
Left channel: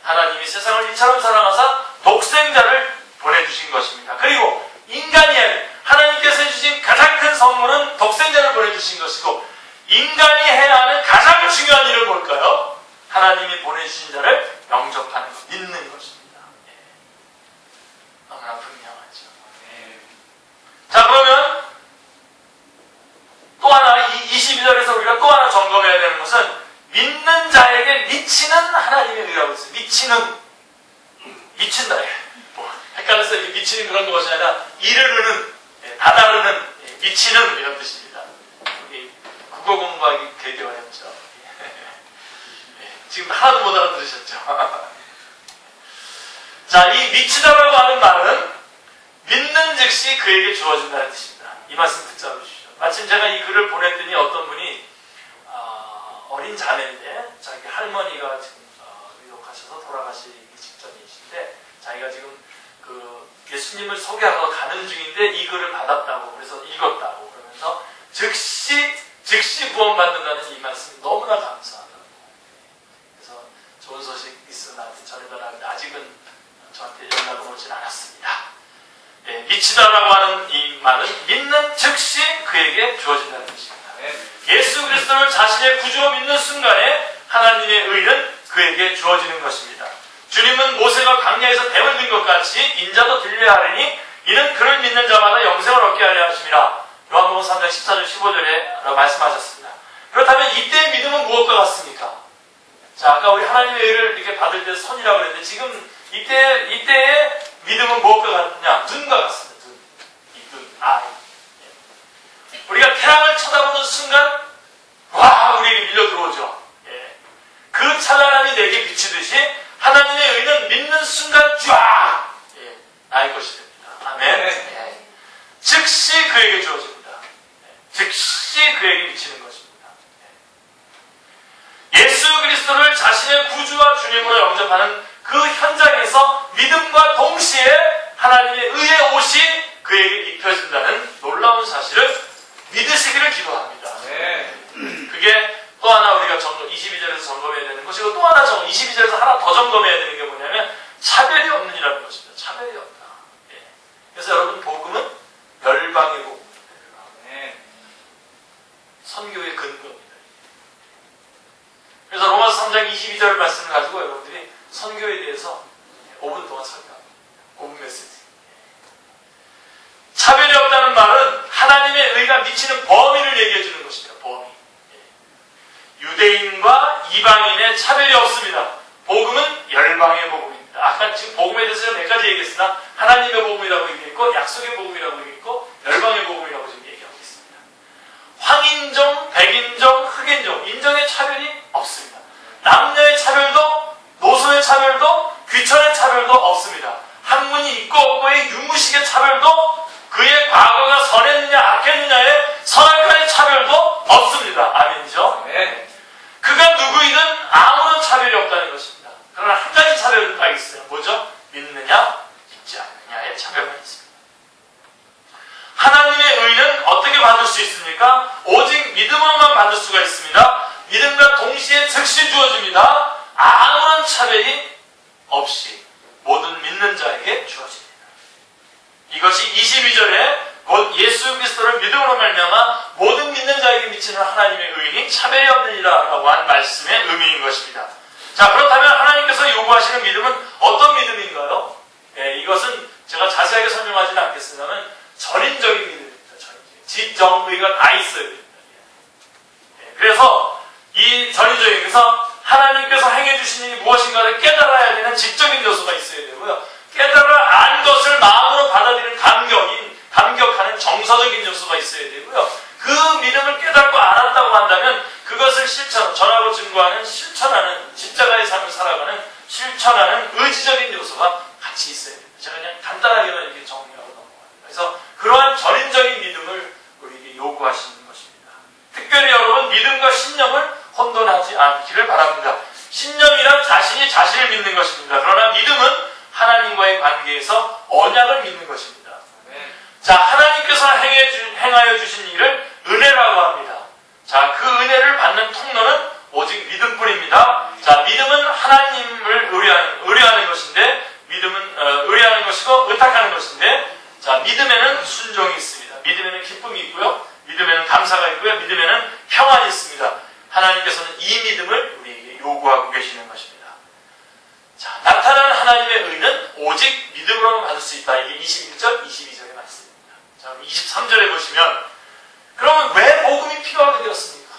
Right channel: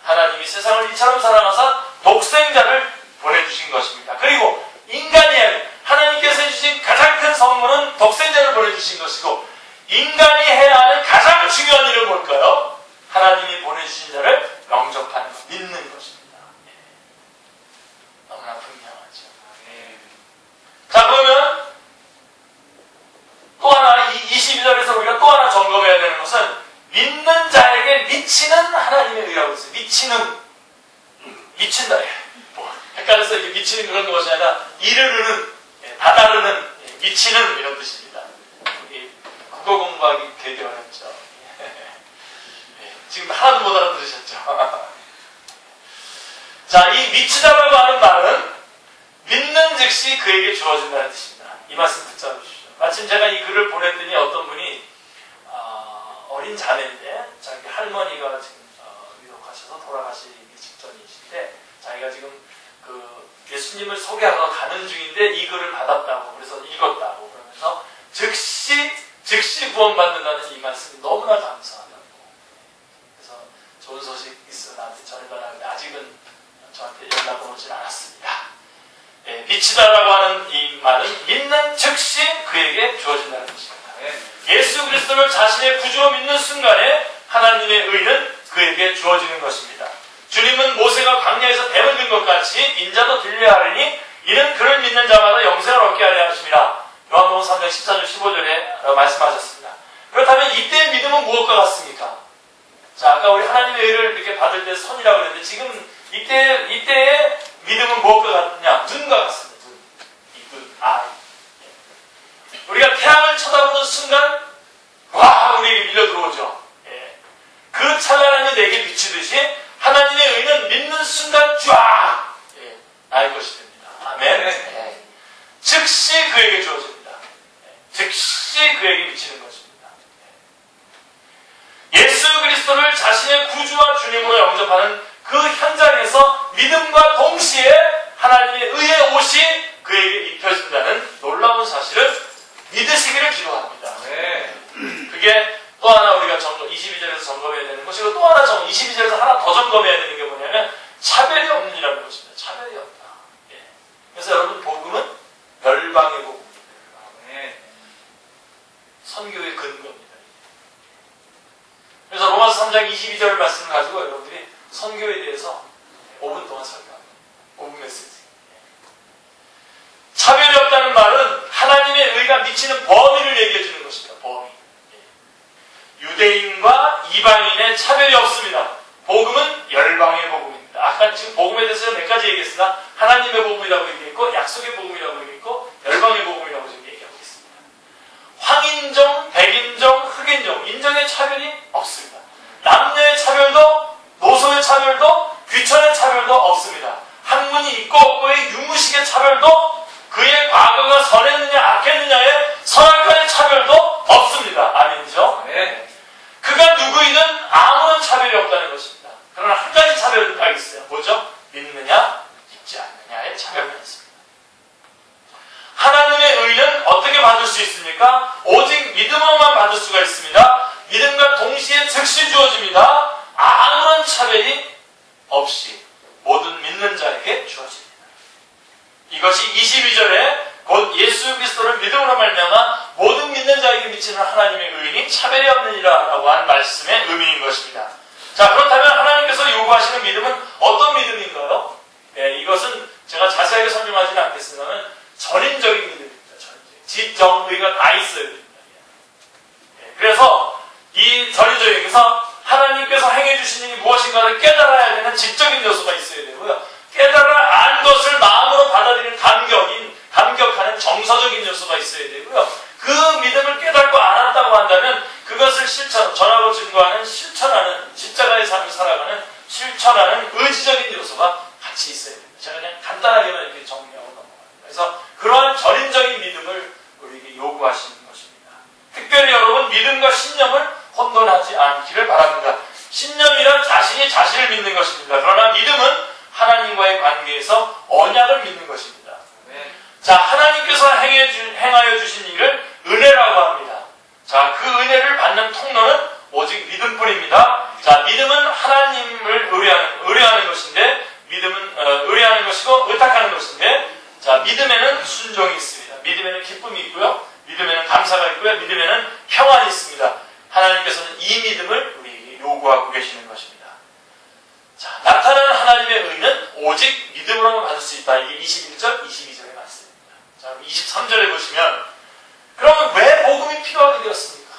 하나님이 세상을 이처럼 사랑하사 독생자를 보내주신 것입니다. 그리고 인간이 하나님께서 해주신 가장 큰 선물은 독생자를 보내주신 것이고, 인간이 해야 하는 가장 중요한 일은 뭘까요? 하나님이 보내주신 자를 영접하는 것, 믿는 것입니다. 너무나 분명하죠. 자, 그러면 또 하나, 이 점검해야 되는 것은 믿는 자에게 미치는 하나님의 의라고 했어요. 미친다. 뭐 헷갈려서 이렇게 미치는 그런 것이 아니라 이르르는, 다다르는, 미치는 이런 뜻입니다. 국어 공부하기 되게 어렵죠. 지금 하나도 못 알아들으셨죠? 자, 이 미치다라고 하는 말은 믿는 즉시 그에게 주어진다는 뜻입니다. 이 말씀 붙잡아 주십시오. 마침 제가 이 글을 보냈더니 어떤 분이 어린 자매인데 자기 할머니가 지금 위독하셔서 돌아가시기 직전이신데 자기가 지금 그 예수님을 소개하러 가는 중인데 이 글을 받았다고 그래서 읽었다고 그러면서 즉시 구원받는다는 이 말씀이 너무나 감사하다고. 그래서 좋은 소식 있으면 나한테 전해달라는데 아직은 저한테 연락은 오진 않았습니다. 미치다라고 하는 이 말은 믿는 즉시 그에게 주어진다는 뜻입니다. 예수 그리스도를 자신의 구주로 믿는 순간에 하나님의 의는 그에게 주어지는 것입니다. 주님은 모세가 광야에서 뱀을 든 것 같이 인자도 들려야 하리니 이는 그를 믿는 자마다 영생을 얻게 하려 하심이라. 요한복음 3장 14절 15절에 말씀하셨습니다. 그렇다면 이때의 믿음은 무엇과 같습니까? 자, 아까 우리 하나님의 의를 이렇게 받을 때 손이라고 그랬는데 지금 이때의 믿음은 무엇과 같느냐? 눈과 같습니다. 눈, 아이. 우리가 태양을 쳐다보는 순간 와 우리에게 밀려 들어오죠. 그 찬란함이 내게 비치듯이 하나님의 의는 믿는 순간 쫙 나의 것이 됩니다. 아멘. 즉시 그에게 주어집니다. 즉시 그에게 미치는 것입니다. 예수 그리스도를 자신의 구주와 주님으로 영접하는 그 현장에서 믿음과 동시에 하나님의 의의 옷이 그에게 입혀진다는 놀라운 사실을 믿으시기를 기도합니다. 그게 또 하나 우리가 22절에서 점검해야 되는 것이고 또 하나 22절에서 하나 더 점검해야 되는 게 뭐냐면 차별이 없는 이라는 것입니다. 차별이 없다. 그래서 여러분 복음은 열방의 복음입니다. 선교의 근거입니다. 그래서 로마서 3장 22절 말씀을 가지고 여러분들이 선교에 대해서 5분 동안 설교합니다. 5분 메시지. 차별이 없다는 말은 하나님의 의가 미치는 범위를 얘기해 주는 것입니다. 범위. 유대인과 이방인의 차별이 없습니다. 복음은 열방의 복음입니다. 아까 지금 복음에 대해서 몇 가지 얘기했으나 하나님의 복음이라고 얘기했고 약속의 복음이라고 얘기했고 열방의 복음이라고 지금 얘기하고 있습니다. 황인종, 백인종, 흑인종, 인종의 차별이 없습니다. 남녀의 차별도 노소의 차별도 귀천의 차별도 없습니다. 학문이 있고 없고의 유무식의 차별도 그의 과거가 선했느냐 악했느냐의 선악과의 차별도 없습니다. 아멘이죠? 네. 그가 누구이든 아무런 차별이 없다는 것입니다. 그러나 한 가지 차별은 딱 있어요. 뭐죠? 믿느냐 믿지 않느냐의 차별만 있습니다. 하나님의 의는 어떻게 받을 수 있습니까? 오직 믿음으로만 받을 수가 있습니다. 믿음과 동시에 즉시 주어집니다. 아무런 차별이 없이 모든 믿는 자에게 주어집니다. 이것이 22절에 곧 예수 그리스도를 믿음으로 말미암아 모든 믿는 자에게 미치는 하나님의 의인이 차별이 없느니라 라고 한 말씀의 의미인 것입니다. 자, 그렇다면 하나님께서 요구하시는 믿음은 어떤 믿음인가요? 이것은 제가 자세하게 설명하지는 않겠습니다만 전인적인 믿음입니다. 전인적인. 지정의가 다 있어야 됩니다. 그래서 이 전인적인 그래서 하나님께서 행해주신 일이 무엇인가를 깨달아야 되는 지적인 요소가 있어야 되고요. 깨달아 안 것을 마음으로 받아들이는 감격하는 정서적인 요소가 있어야 되고요. 그 믿음을 깨닫고 알았다고 한다면 그것을 전하고 증거하는 실천하는 십자가의 삶을 살아가는 실천하는 의지적인 요소가 같이 있어야 됩니다. 제가 그냥 간단하게만 이렇게 정리하고 넘어갑니다. 그래서 그러한 전인적인 믿음을 우리에게 요구하시는 것입니다. 특별히 여러분 믿음과 신념을 혼돈하지 않기를 바랍니다. 신념이란 자신이 자신을 믿는 것입니다. 그러나 믿음은 하나님과의 관계에서 언약을 믿는 것입니다. 자, 하나님께서 행하여 주신 일을 은혜라고 합니다. 자, 그 은혜를 받는 통로는 오직 믿음뿐입니다. 자, 믿음은 하나님을 의뢰하는 것인데, 믿음은 의뢰하는 것이고 의탁하는 것인데, 자, 믿음에는 순종이 있습니다. 믿음에는 기쁨이 있고요, 믿음에는 감사가 있고요, 믿음에는 평안이 있습니다. 하나님께서는 이 믿음을 우리에게 요구하고 계시는 것입니다. 자, 나타나는 하나님의 의는 오직 믿음으로만 받을 수 있다. 이게 21절, 22절의 말씀입니다. 자, 23절에 보시면 그러면 왜 복음이 필요하게 되었습니까?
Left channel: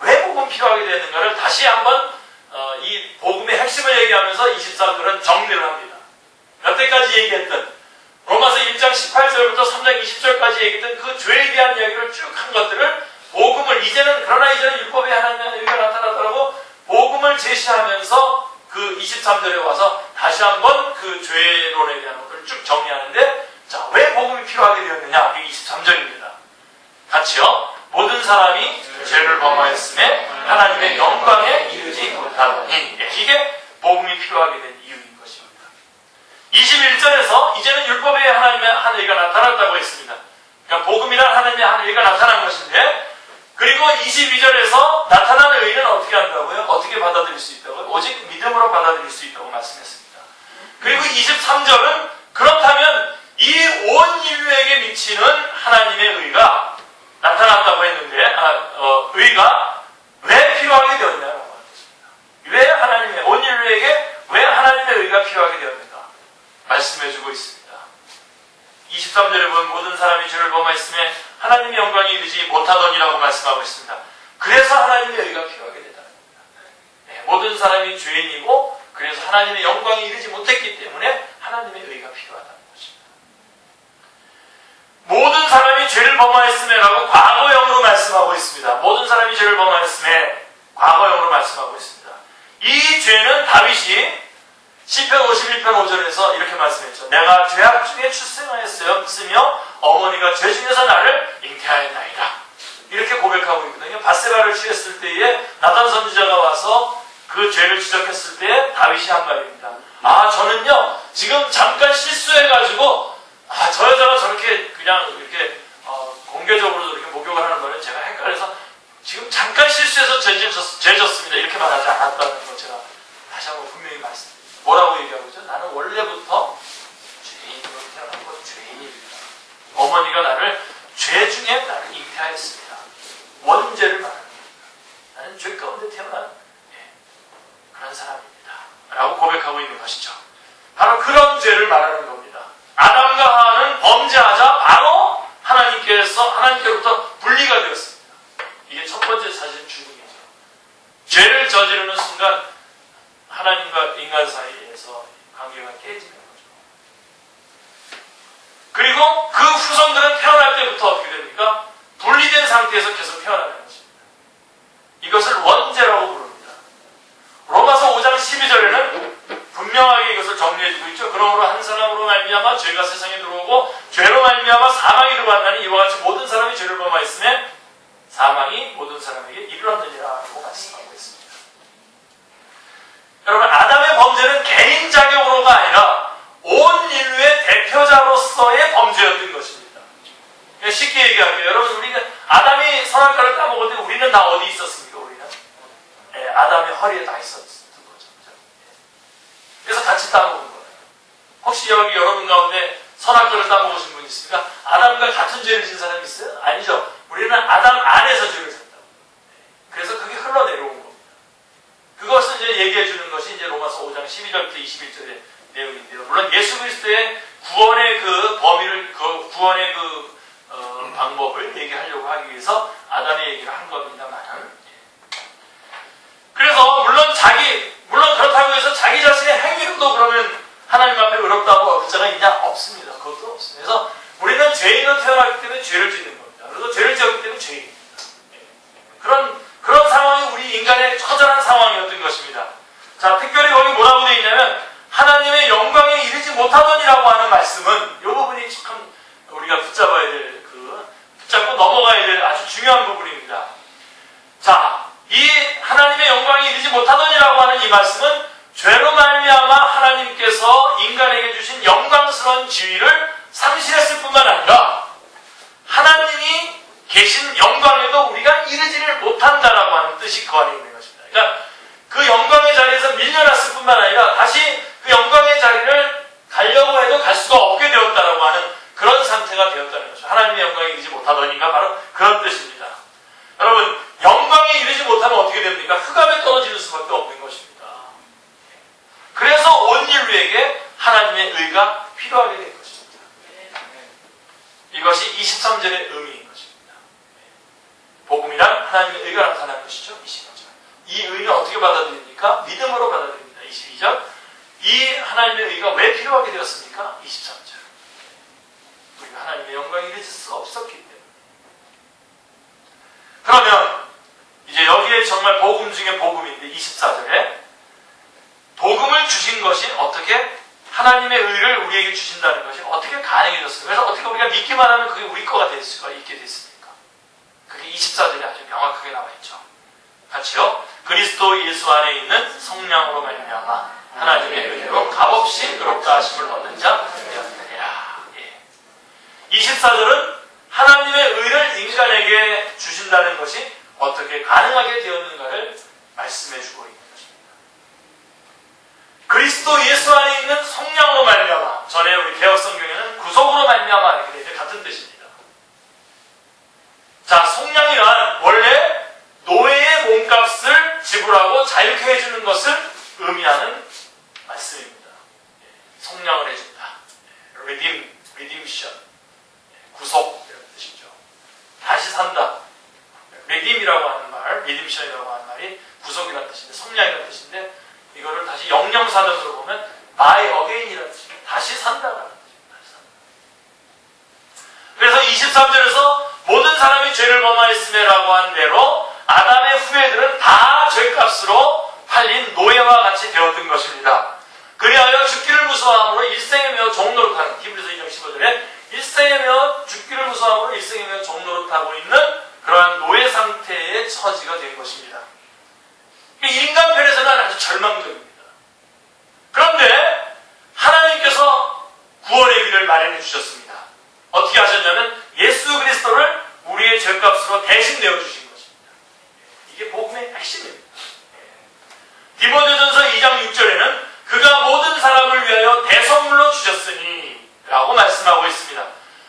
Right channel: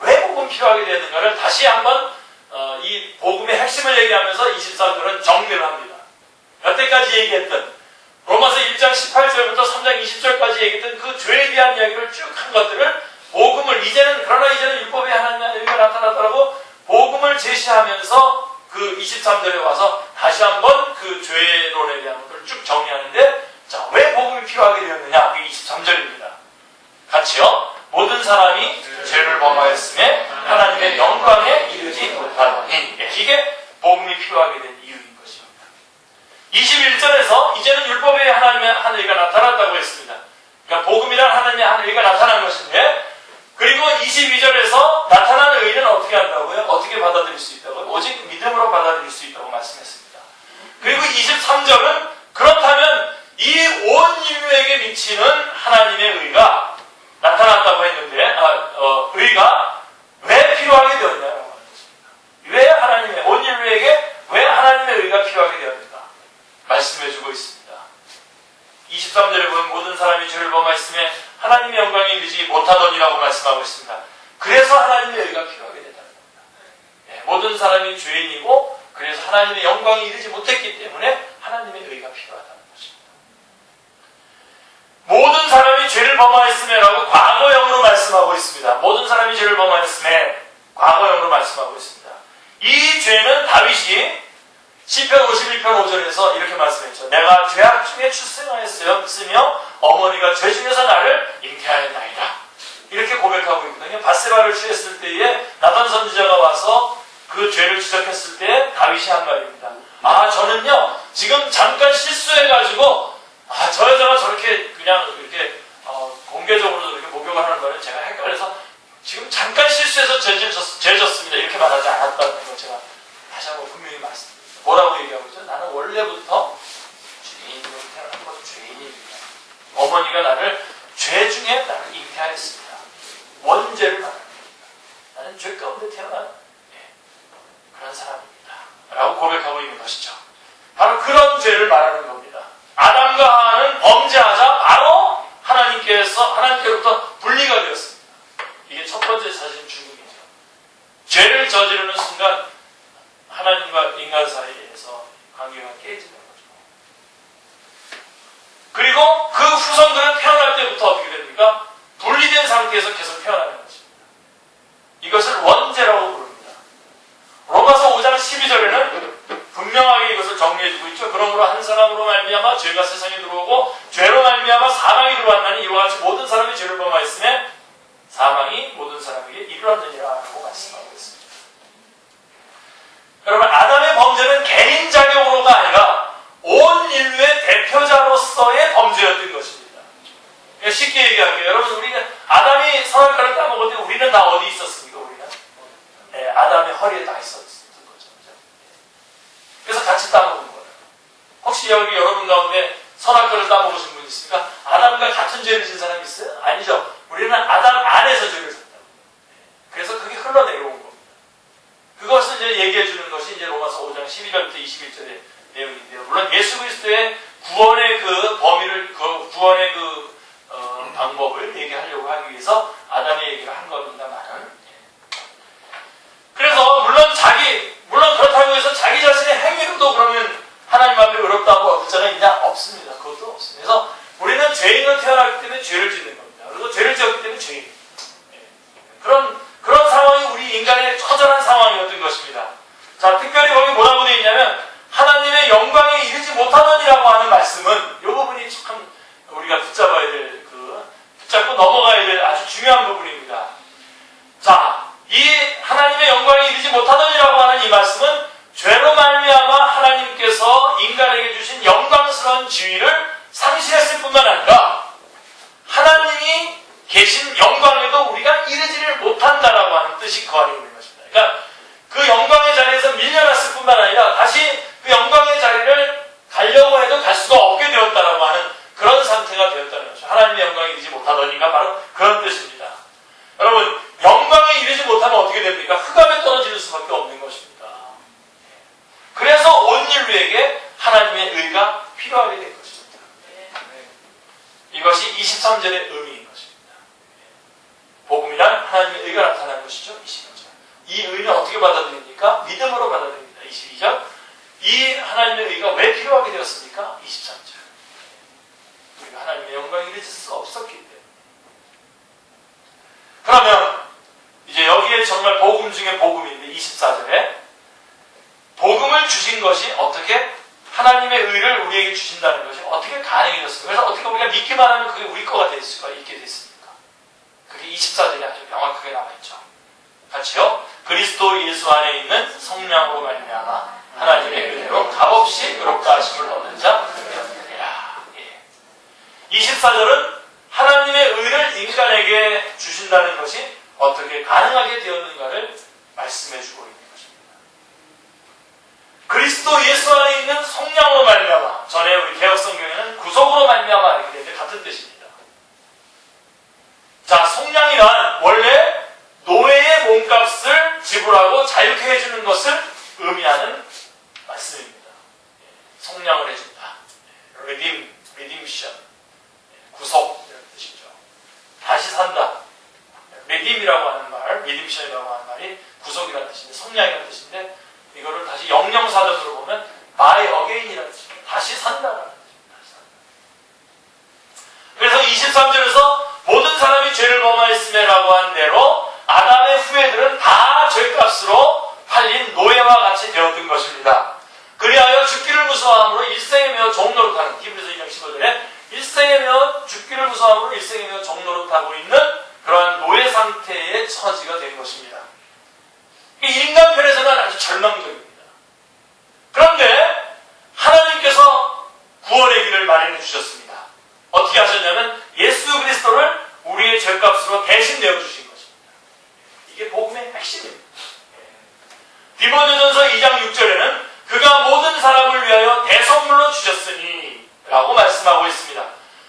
왜 필요하게 되는가를 다시 한번 이 복음의 핵심을 얘기하면서 23절은 정리를 합니다. 여태까지 얘기했던 로마서 1장 18절부터 3장 20절까지 얘기했던 그 죄에 대한 이야기를 쭉 한 것들을 복음을 그러나 이제는 율법의 하나님의 의가 나타나더라고 복음을 제시하면서 그 23절에 와서 다시 한번 그 죄론에 대한 것들을 쭉 정리하는데, 자, 왜 복음이 필요하게 되었느냐? 그게 23절입니다. 같이요. 모든 사람이 죄를 범하였음에 하나님의 영광에 이르지 못하더니, 이게 복음이 필요하게 된 이유인 것입니다. 21절에서 이제는 율법의 하나님의 한 의가 나타났다고 했습니다. 그러니까 복음이란 하나님의 한 의가 나타난 것인데, 그리고 22절에서 나타난 의는 어떻게 한다고요? 어떻게 받아들일 수 있다고요? 오직 믿음으로 받아들일 수 있다고 말씀했습니다. 그리고 23절은 그렇다면 이 온 인류에게 미치는 하나님의 의가 나타났다고 했는데, 의가 왜 필요하게 되었냐라고 하는 것입니다. 왜 온 인류에게 왜 하나님의 의가 필요하게 되었는가? 말씀해주고 있습니다. 23절에 보면 모든 사람이 죄를 범하였음에 하나님의 영광에 이르지 못하더니라고 말씀하고 있습니다. 그래서 하나님의 의가 필요하게 된다는 겁니다. 네, 모든 사람이 죄인이고 그래서 하나님의 영광에 이르지 못했기 때문에 하나님의 의가 필요하다는 것입니다. 모든 사람이 죄를 범하였음에라고 과거형으로 말씀하고 있습니다. 모든 사람이 죄를 범하였음에 과거형으로 말씀하고 있습니다. 이 죄는 다윗이 시편 51편 5절에서 이렇게 말씀했죠. 내가 죄악 중에 출생하였으며 어머니가 죄 중에서 나를 잉태하였나이다. 이렇게 고백하고 있거든요. 밧세바를 취했을 때에 나단 선지자가 와서 그 죄를 지적했을 때 다윗이 한 말입니다. 저는요 지금 잠깐 실수해가지고 저 여자가 저렇게 그냥 이렇게 공개적으로 이렇게 목욕을 하는 거를 제가 헷갈려서 지금 잠깐 실수해서 죄 졌습니다. 이렇게 말하지 않았다는 거 제가 다시 한번 분명히 말씀드립니다. 뭐라고 얘기하고 있죠? 나는 원래부터 죄인으로 태어난 것 죄인입니다. 어머니가 나를 죄 중에 나를 잉태하였습니다. 원죄를 말합니다. 나는 죄 가운데 태어난 그런 사람입니다. 라고 고백하고 있는 것이죠. 바로 그런 죄를 말하는 겁니다. 아담과 하와는 범죄하자 바로 하나님께로부터 분리가 되었습니다. 이게 첫 번째 사실 죽음이죠. 죄를 저지르는 순간 하나님과 인간 사이에서 관계가 깨지는 거죠. 그리고 그 후손들은 태어날 때부터 어떻게 됩니까? 분리된 상태에서 계속 태어나는 것입니다. 이것을 원죄라고 부릅니다. 로마서 5장 12절에는 분명하게 이것을 정리해주고 있죠. 그러므로 한 사람으로 말미암아 죄가 세상에 들어오고 죄로 말미암아 사망이 들어왔나니 이와 같이 모든 사람이 죄를 범하였으며 사망이 모든 사람에게 이르렀느니라고 말씀하고 있습니다. 여러분, 아담의 범죄는 개인 자격으로가 아니라 온 인류의 대표자로서의 범죄였던 것입니다. 쉽게 얘기할게요. 여러분, 우리가 아담이 선악과를 따먹을 때 우리는 다 어디 있었습니까? 우리는 아담의 허리에 다 있었던 거죠. 그래서 같이 따먹은 거예요. 혹시 여기 여러분 가운데 선악과를 따먹으신 분 있습니까? 아담과 같은 죄를 진 사람이 있어요? 아니죠. 우리는 아담 안에서 죄를 졌다고. 그래서 그게 흘러내려온 겁니다. 그것을 이제 얘기해 주는 것이 이제 로마서 5장 12절부터 21절의 내용인데요. 물론 예수 그리스도의 구원의 그 범위를, 구원의 방법을 얘기하려고 하기 위해서 아담의 얘기를 한 겁니다만은. 그래서 물론 그렇다고 해서 자기 자신의 행위로도 그러면 하나님 앞에 의롭다고 얻을 자가 있냐? 없습니다. 그것도 없습니다. 그래서 우리는 죄인으로 태어났기 때문에 죄를 짓는 겁니다. 그래서 죄를 지었기 때문에 죄인입니다. 그런 상황이 우리 인간의 처절한 상황이었던 것입니다. 자, 특별히 거기 뭐라고 되어 있냐면 하나님의 영광에 이르지 못하더니라고 하는 말씀은 이 부분이 참 우리가 붙잡아야 될 붙잡고 넘어가야 될 아주 중요한 부분입니다. 자, 이 하나님의 영광에 이르지 못하더니라고 하는 이 말씀은 죄로 말미암아 하나님께서 인간에게 주신 영광스러운 지위를 상실했을 뿐만 아니라 하나님이 계신 영광에도 우리가 이르지를 못한다라고 하는 뜻이 그 안에 있는 것입니다. 그러니까 그 영광의 자리에서 밀려났을 뿐만 아니라 다시 그 영광의 자리를 가려고 해도 갈 수가 없게 되었다라고 하는 그런 상태가 되었다는 것이죠. 하나님의 영광에 이르지 못하더니가 바로 그런 뜻입니다. 여러분, 영광에 이르지 못하면 어떻게 됩니까? 흑암에 떨어지는 수밖에 없는 것입니다. 그래서 온 인류에게 하나님의 의가 필요하게 된 것입니다. 이것이 23절의 의미인 것입니다. 복음이란 하나님의 의가 나타난 것이죠. 25절. 이 의는 어떻게 받아들입니까? 믿음으로 받아들입니다. 22절. 이 하나님의 의가 왜 필요하게 되었습니까? 23절. 우리가 하나님의 영광에 이르칠 수 없었기 때문에. 그러면 이제 여기에 정말 복음 중에 복음인데 24절에 복음을 주신 것이 어떻게 하나님의 의를 우리에게 주신다는 것이 어떻게 가능해졌어요? 그래서 어떻게 우리가 믿기만 하면 그게 우리 거가 될 수가 있게 됐습니까? 그게 24절에 아주 명확하게 나와 있죠. 같이요. 그리스도 예수 안에 있는 성령으로 말미암아 하나님의 은혜로 값없이 의롭다 하심을 얻는 자 되었느니라. 24절은 하나님의 의를 인간에게 주신다는 것이 어떻게 가능하게 되었는가를 말씀해 주고 있는 것입니다. 그리스도 예수 안에 있는 성령으로 말미암아, 전에 우리 개혁성경에는 구속으로 말미암아 이렇게 되는데 같은 뜻입니다. 자, 성령이란 원래 노예의 몸값을 지불하고 자유케 해주는 것을 의미하는 말씀입니다. 성령을 해준다. redemption. 구속 이런 뜻이죠. 다시 산다. redeem이라고 하는 말, redemption이라고 하는 말이 구속이라는 뜻인데, 성령이라는 뜻인데, 이거를 다시 영영사전으로 보면 by again이라는 뜻입니다. 다시 산다라는 뜻입니다. 그래서 23절에서 모든 사람이 죄를 범하였음에라고 한 대로 아담의 후예들은 다 죄값으로 팔린 노예와 같이 되었던 것입니다. 그리하여 죽기를 무서워함으로 일생에 매어 종노릇하는, 히브리서 2장 15절에 일생에 매어 죽기를 무서워함으로 일생에 매어 종노릇하고 있는 그러한 노예 상태의 처지가 된 것입니다. 인간편에서는 아주 절망적입니다. 그런데 하나님께서 구원의 길을 마련해 주셨습니다. 어떻게 하셨냐면 예수 그리스도를 우리의 죄값으로 대신 내어주신 것입니다. 이게 복음의 핵심입니다. 디모데전서 2장 6절에는 그가 모든 사람을 위하여 대선물로 주셨으니 라고 말씀하고 있습니다.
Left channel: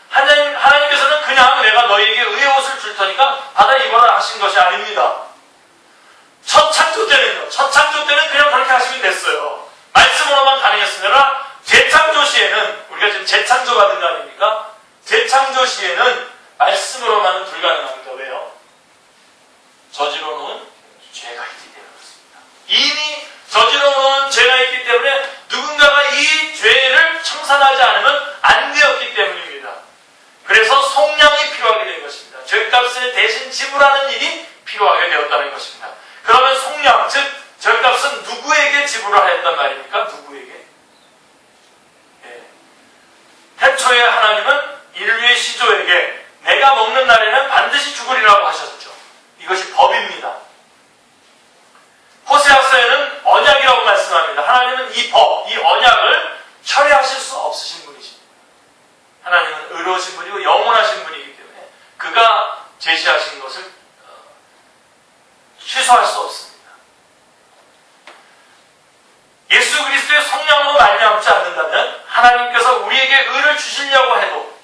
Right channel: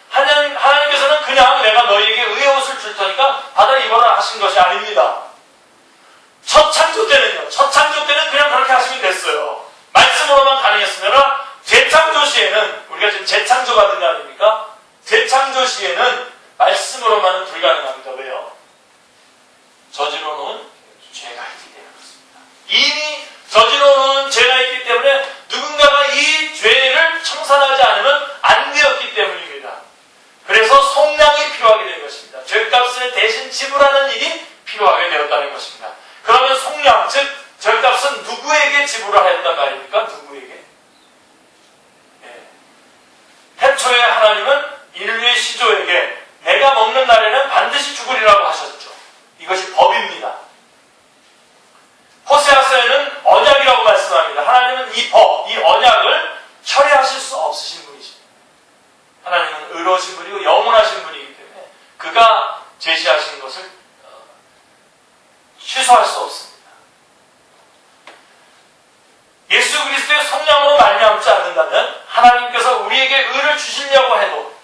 하나님께서는 그냥 내가 너희에게 의의 옷을 줄 테니까 받아 입어라 하신 것이 아닙니다. 첫 창조 때는요. 첫 창조 때는 그냥 그렇게 하시면 됐어요. 말씀으로만 가능했으나 재창조 시에는, 우리가 지금 재창조 받은 거 아닙니까? 재창조 시에는 말씀으로만은 불가능합니다. 왜요? 저지러 놓은 죄가 있기 때문에 그렇습니다. 이미 저지러 놓은 죄가 있기 때문에 누군가가 이 죄를 청산하지 않으면 안 되었기 때문입니다. 그래서 속량이 필요하게 된 것입니다. 죄값을 대신 지불하는 일이 필요하게 되었다는 것입니다. 그러면 속량, 즉 죄값은 누구에게 지불을 하였단 말입니까? 누구에게? 태초에 하나님은 인류의 시조에게 내가 먹는 날에는 반드시 죽으리라고 하셨죠. 이것이 법입니다. 호세아서에는 언약이라고 말씀합니다. 하나님은 이 법, 이 언약을 철회하실 수 없으신 분이십니다. 하나님은 의로우신 분이고 영원하신 분이기 때문에 그가 제시하신 것을 취소할 수 없습니다. 예수 그리스도의 성령으로 말미암지 않는다면 하나님께서 우리에게 의를 주시려고 해도,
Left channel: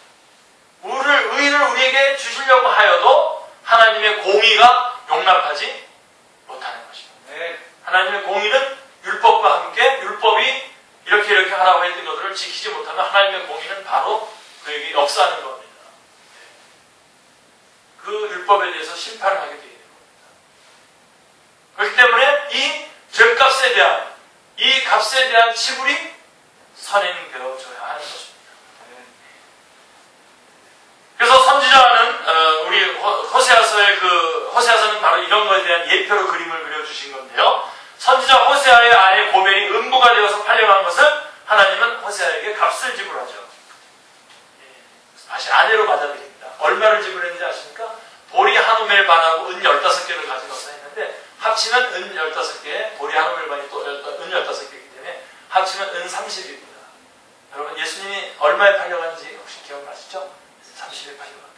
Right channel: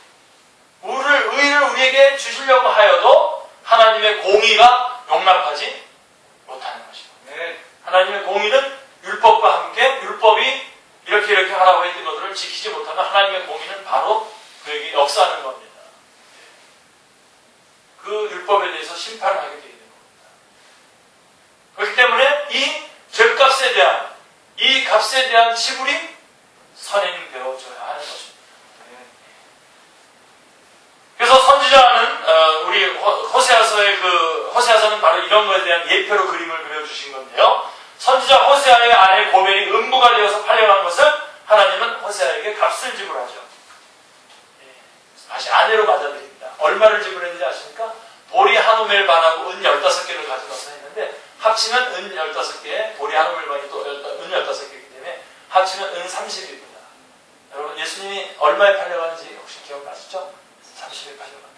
의를 우리에게 주시려고 하여도 하나님의 공의가 용납하지 못하는 것입니다. 하나님의 공의는 율법과 함께 율법이 이렇게 하라고 했던 것들을 지키지 못하면 하나님의 공의는 바로 그에게 역사하는 겁니다. 그 율법에 대해서 심판을 하게 되는 겁니다. 그렇기 때문에 이 죄값에 대한, 이 값에 대한 지불이 선에는 되어져야 하는 것입니다. 그래서 선지자는 우리 호세아서의 호세아서는 바로 이런 것에 대한 예표로 그림을 그려주신 건데요. 선지자 호세아의 아내 고멜이 음부가 되어서 팔려간 것을 하나님은 호세아에게 값을 지불하죠. 다시 아내로 맞아들입니다. 얼마를 지불했는지 아십니까? 보리 한 우멜 반하고 은 15개를 가져가서 했는데 합치면 은 15개, 보리 한 우멜 반이 또 은 15개이기 때문에 합치면 은 30입니다. 여러분 예수님이 얼마에 팔려간지 혹시 기억나시죠? 30에 팔려갔던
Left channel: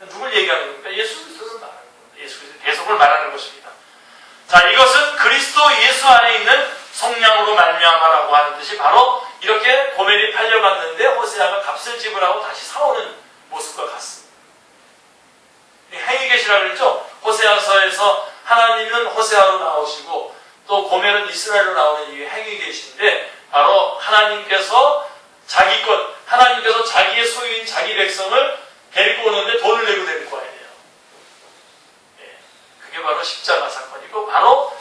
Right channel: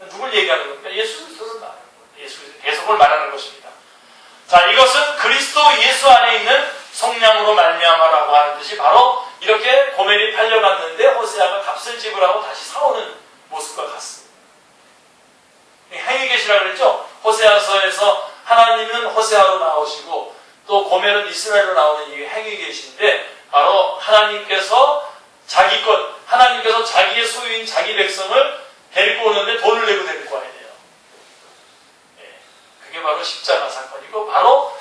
거. 누굴 얘기하는 겁니까? 예수 그리스도를 말하는 겁니다. 예수 그리스도 계속을 말하는 것입니다. 자, 이것은 그리스도 예수 안에 있는 성령으로 말미암아라고 하는 뜻이 바로 이렇게 고멜이 팔려갔는데 호세아가 값을 지불하고 다시 사오는 모습과 같습니다. 행위계시라고 그랬죠? 호세아서에서 하나님은 호세아로 나오시고 또 고멜은 이스라엘로 나오는 이게 행위계시인데 바로 하나님께서 하나님께서 자기의 소유인 자기 백성을 데리고 오는데 돈을 내고 데리고 와야 돼요. 그게 바로 십자가 사건이고 바로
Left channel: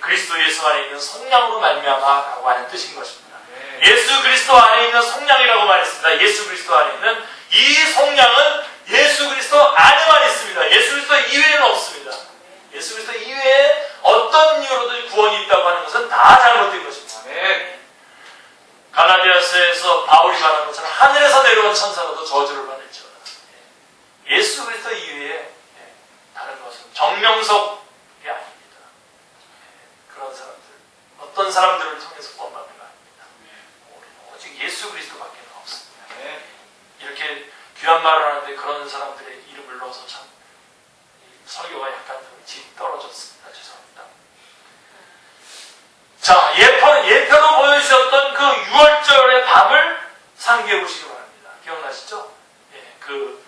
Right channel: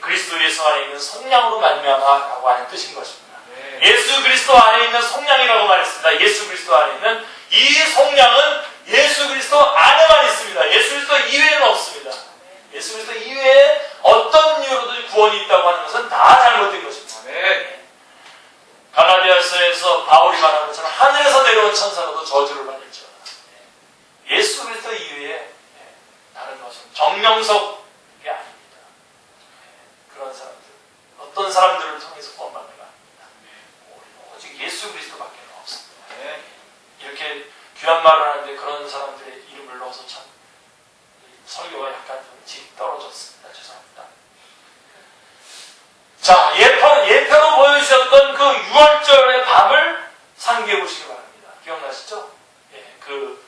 그리스도 예수 안에 있는 성량으로 말미암아라고 하는 뜻인 것입니다. 예수 그리스도 안에 있는 성량이라고 말했습니다. 예수 그리스도 안에 있는 이 성량은 예수 그리스도 안에만 있습니다. 예수 그리스도 이외에는 없습니다. 예수 그리스도 이외에 어떤 이유로든 구원이 있다고 하는 것은 다 잘못된 것입니다. 갈라디아서에서 바울이 말한 것처럼 하늘에서 내려온 천사라도 저주를 받을지어다. 예수 그리스도 이외에 다른 것은 정명석이 아닙니다. 그런 사람들, 어떤 사람들을 통해서 구원받는 거 아닙니다. 우리는 오직 예수 그리스도밖에 없습니다. 이렇게 귀한 말을 하는데 그런 사람들의 이름을 넣어서 참 설교가 약간 좀 질 떨어졌습니다. 죄송합니다. 자, 예표로 보여주셨던 그 6월절의 밤을 상기해 보시기 바랍니다. 기억나시죠? 그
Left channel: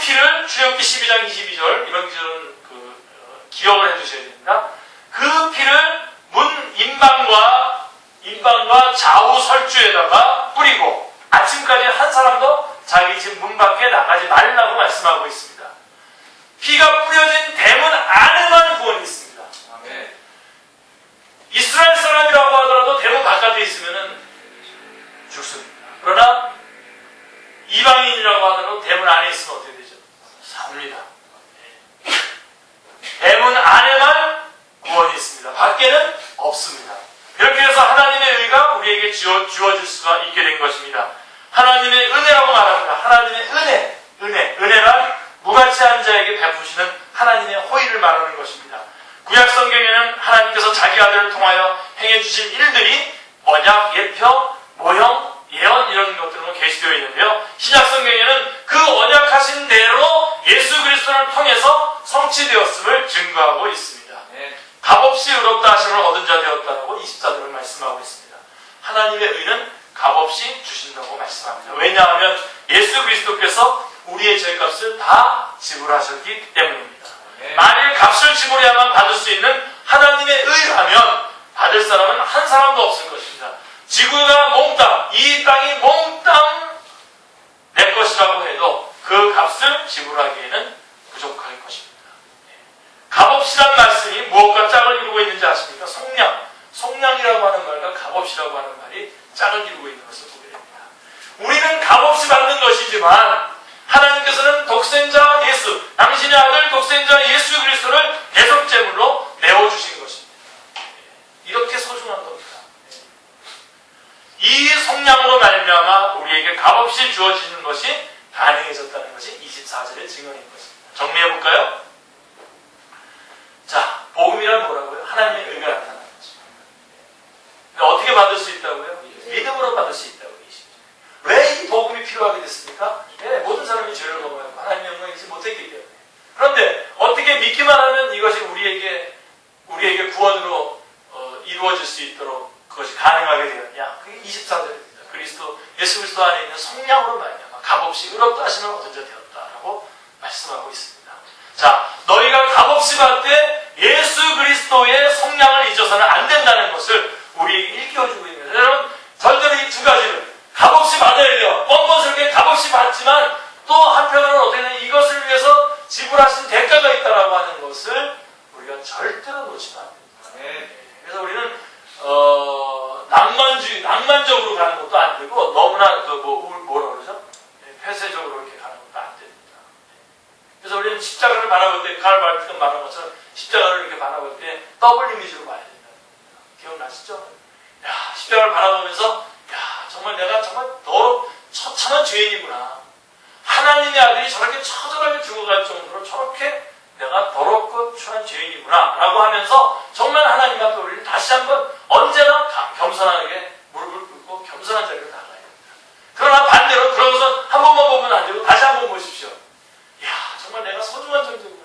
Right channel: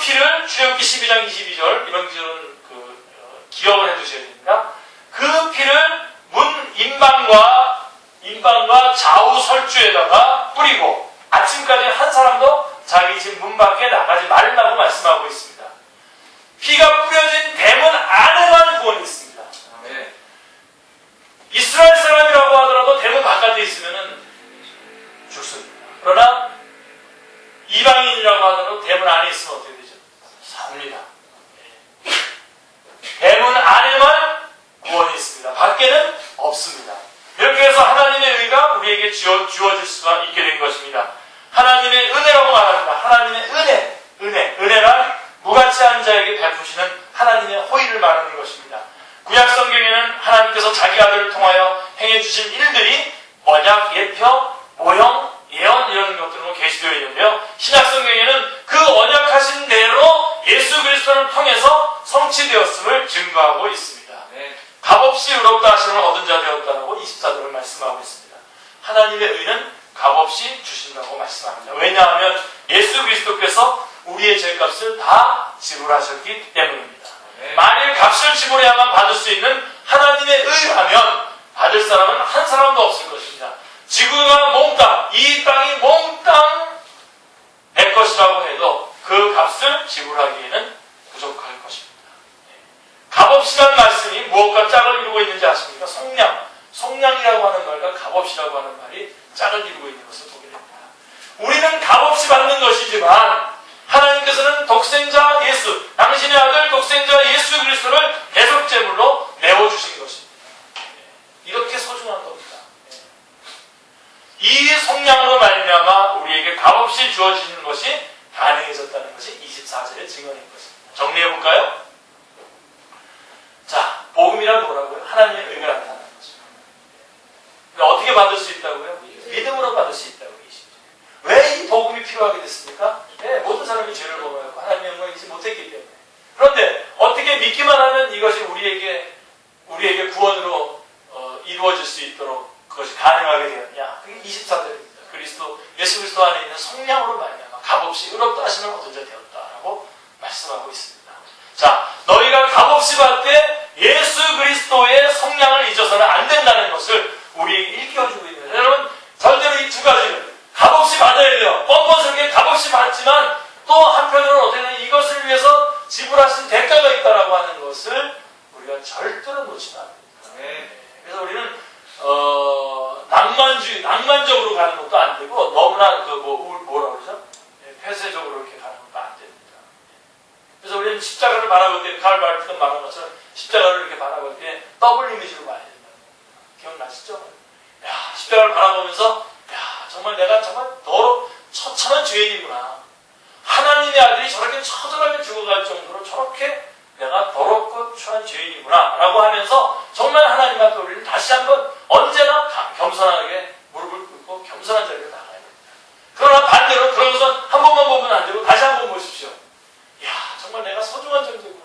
피를 출애굽기 12장 22절 이런 기절은 기억을 해두셔야 됩니다. 그 피를 문 인방과 좌우 설주에다가 뿌리고 아침까지 한 사람도 자기 집 문 밖에 나가지 말라고 말씀하고 있습니다. 피가 뿌려진 대문 안에만 구원이 있습니다. 이스라엘 사람이라고 하더라도 대문 바깥에 있으면 죽습니다. 그러나 이방인이라고 하더라도 대문 안에 있으면 어떻게 되죠? 삽니다. 대문 안에만 구원이 있습니다. 밖에는 없습니다. 이렇게 해서 하나님의 의가 우리에게 주어질 수가 있게 된 것입니다. 하나님의 은혜라고 말합니다. 하나님의 은혜란 무가치한 자에게 베푸시는 하나님의 호의를 말하는 것입니다. 구약 성경에는 하나님께서 자기 아들을 통하여 행해주신 일들이 언약, 예표, 모형, 예언 이런 것들로 계시되어 있는데요. 신약 성경에는 그 언약하신 대로 예수 그리스도를 통해서 성취되었음을 증거하고 있습니다. 값없이 의롭다 하심을 얻은 자 되었다고 24절을 말씀하고 있습니다. 하나님의 의는 값없이 주신다고 말씀합니다. 왜냐하면 예수 그리스도께서 우리의 죄값을 다 지불하셨기 때문입니다. 만일 값을 지불해야만 받을 수 있는 하나님의 의라면 받을 사람은 한 사람도 없을 것입니다. 지구가 몽땅, 이 땅이 몽땅 내 것이라고 해도 그 값을 지불하기에는 부족할 것입니다. 값없이란 말씀이 무엇과 짝을 이루고 있는지 아십니까? 속량이라고 하는 말과 값없이라고 하는 말이 짝을 이루고 있는 것을 보게 됩니다. 우리는 값없이 받는 것이지만 하나님께서는 독생자 예수, 당신의 아들 독생자 예수 그리스도를 대속제물로 내어주신 것입니다. 이렇게 소중한 겁니다. 이 속량으로 말미암아 우리에게 값없이 주어지는 것이 가능해졌다는 것이 24절의 증언인 것입니다. 정리해볼까요? 자, 복음이란 뭐라고요? 하나님의 의가 나타나는 것입니다. 어떻게 받을 수 있다고요? 믿음으로 받을 수 있다고 계시죠. 왜 이 복음이 필요하게 됐습니까? 모든 사람이 죄를 범하였고 하나님의 영광을 이기지 못했기 때문에. 그런데 어떻게 믿기만 하면 이것이 우리에게 구원으로 이루어질 수 있도록 그것이 가능하게 되었냐? 그게 24절입니다. 예수 그리스도 안에 있는 성량으로 말미암아 값없이 의롭다 하심을 얻은 자 되었다라고 말씀하고 있습니다. 자, 너희가 값없이 받되 예수 그리스도의 성량을 잊어서는 안 된다는 것을 우리에게 일깨워주고 있습니다. 여러분, 절대로 이 두 가지를 값없이 받아야 돼요. 뻔뻔스럽게 값없이 받지만 또 한편으로는 어떻게 되냐면 이것을 위해서 지불하신 대가가 있다라고 하는 것을 우리가 절대로 놓치면 안 됩니다. 그래서 우리는 낭만적으로 가는 것도 안 되고 너무나 뭐라 그러죠? 폐쇄적으로 이렇게 가는 것도 안 됩니다. 그래서 우리는 십자가를 바라볼 때 칼 말했던 말한 것처럼 십자가를 이렇게 바라볼 때 더블 이미지로 봐야 된다는 겁니다. 기억나시죠? 야, 십자가를 바라보면서 정말 내가 정말 처참한 죄인이구나. 하나님의 아들이 저렇게 처절하게 죽어갈 정도로 저렇게 내가 더럽고 추한 죄인이구나 라고 하면서 정말 하나님 앞에 우리는 다시 한번 언제나 겸손하게 무릎을 꿇고 겸손한 자리로 나가야 됩니다. 그러나 반대로 그러고서 한 번만 보면 안 되고 다시 한 번 보십시오. 정말 내가 소중한 존재구나.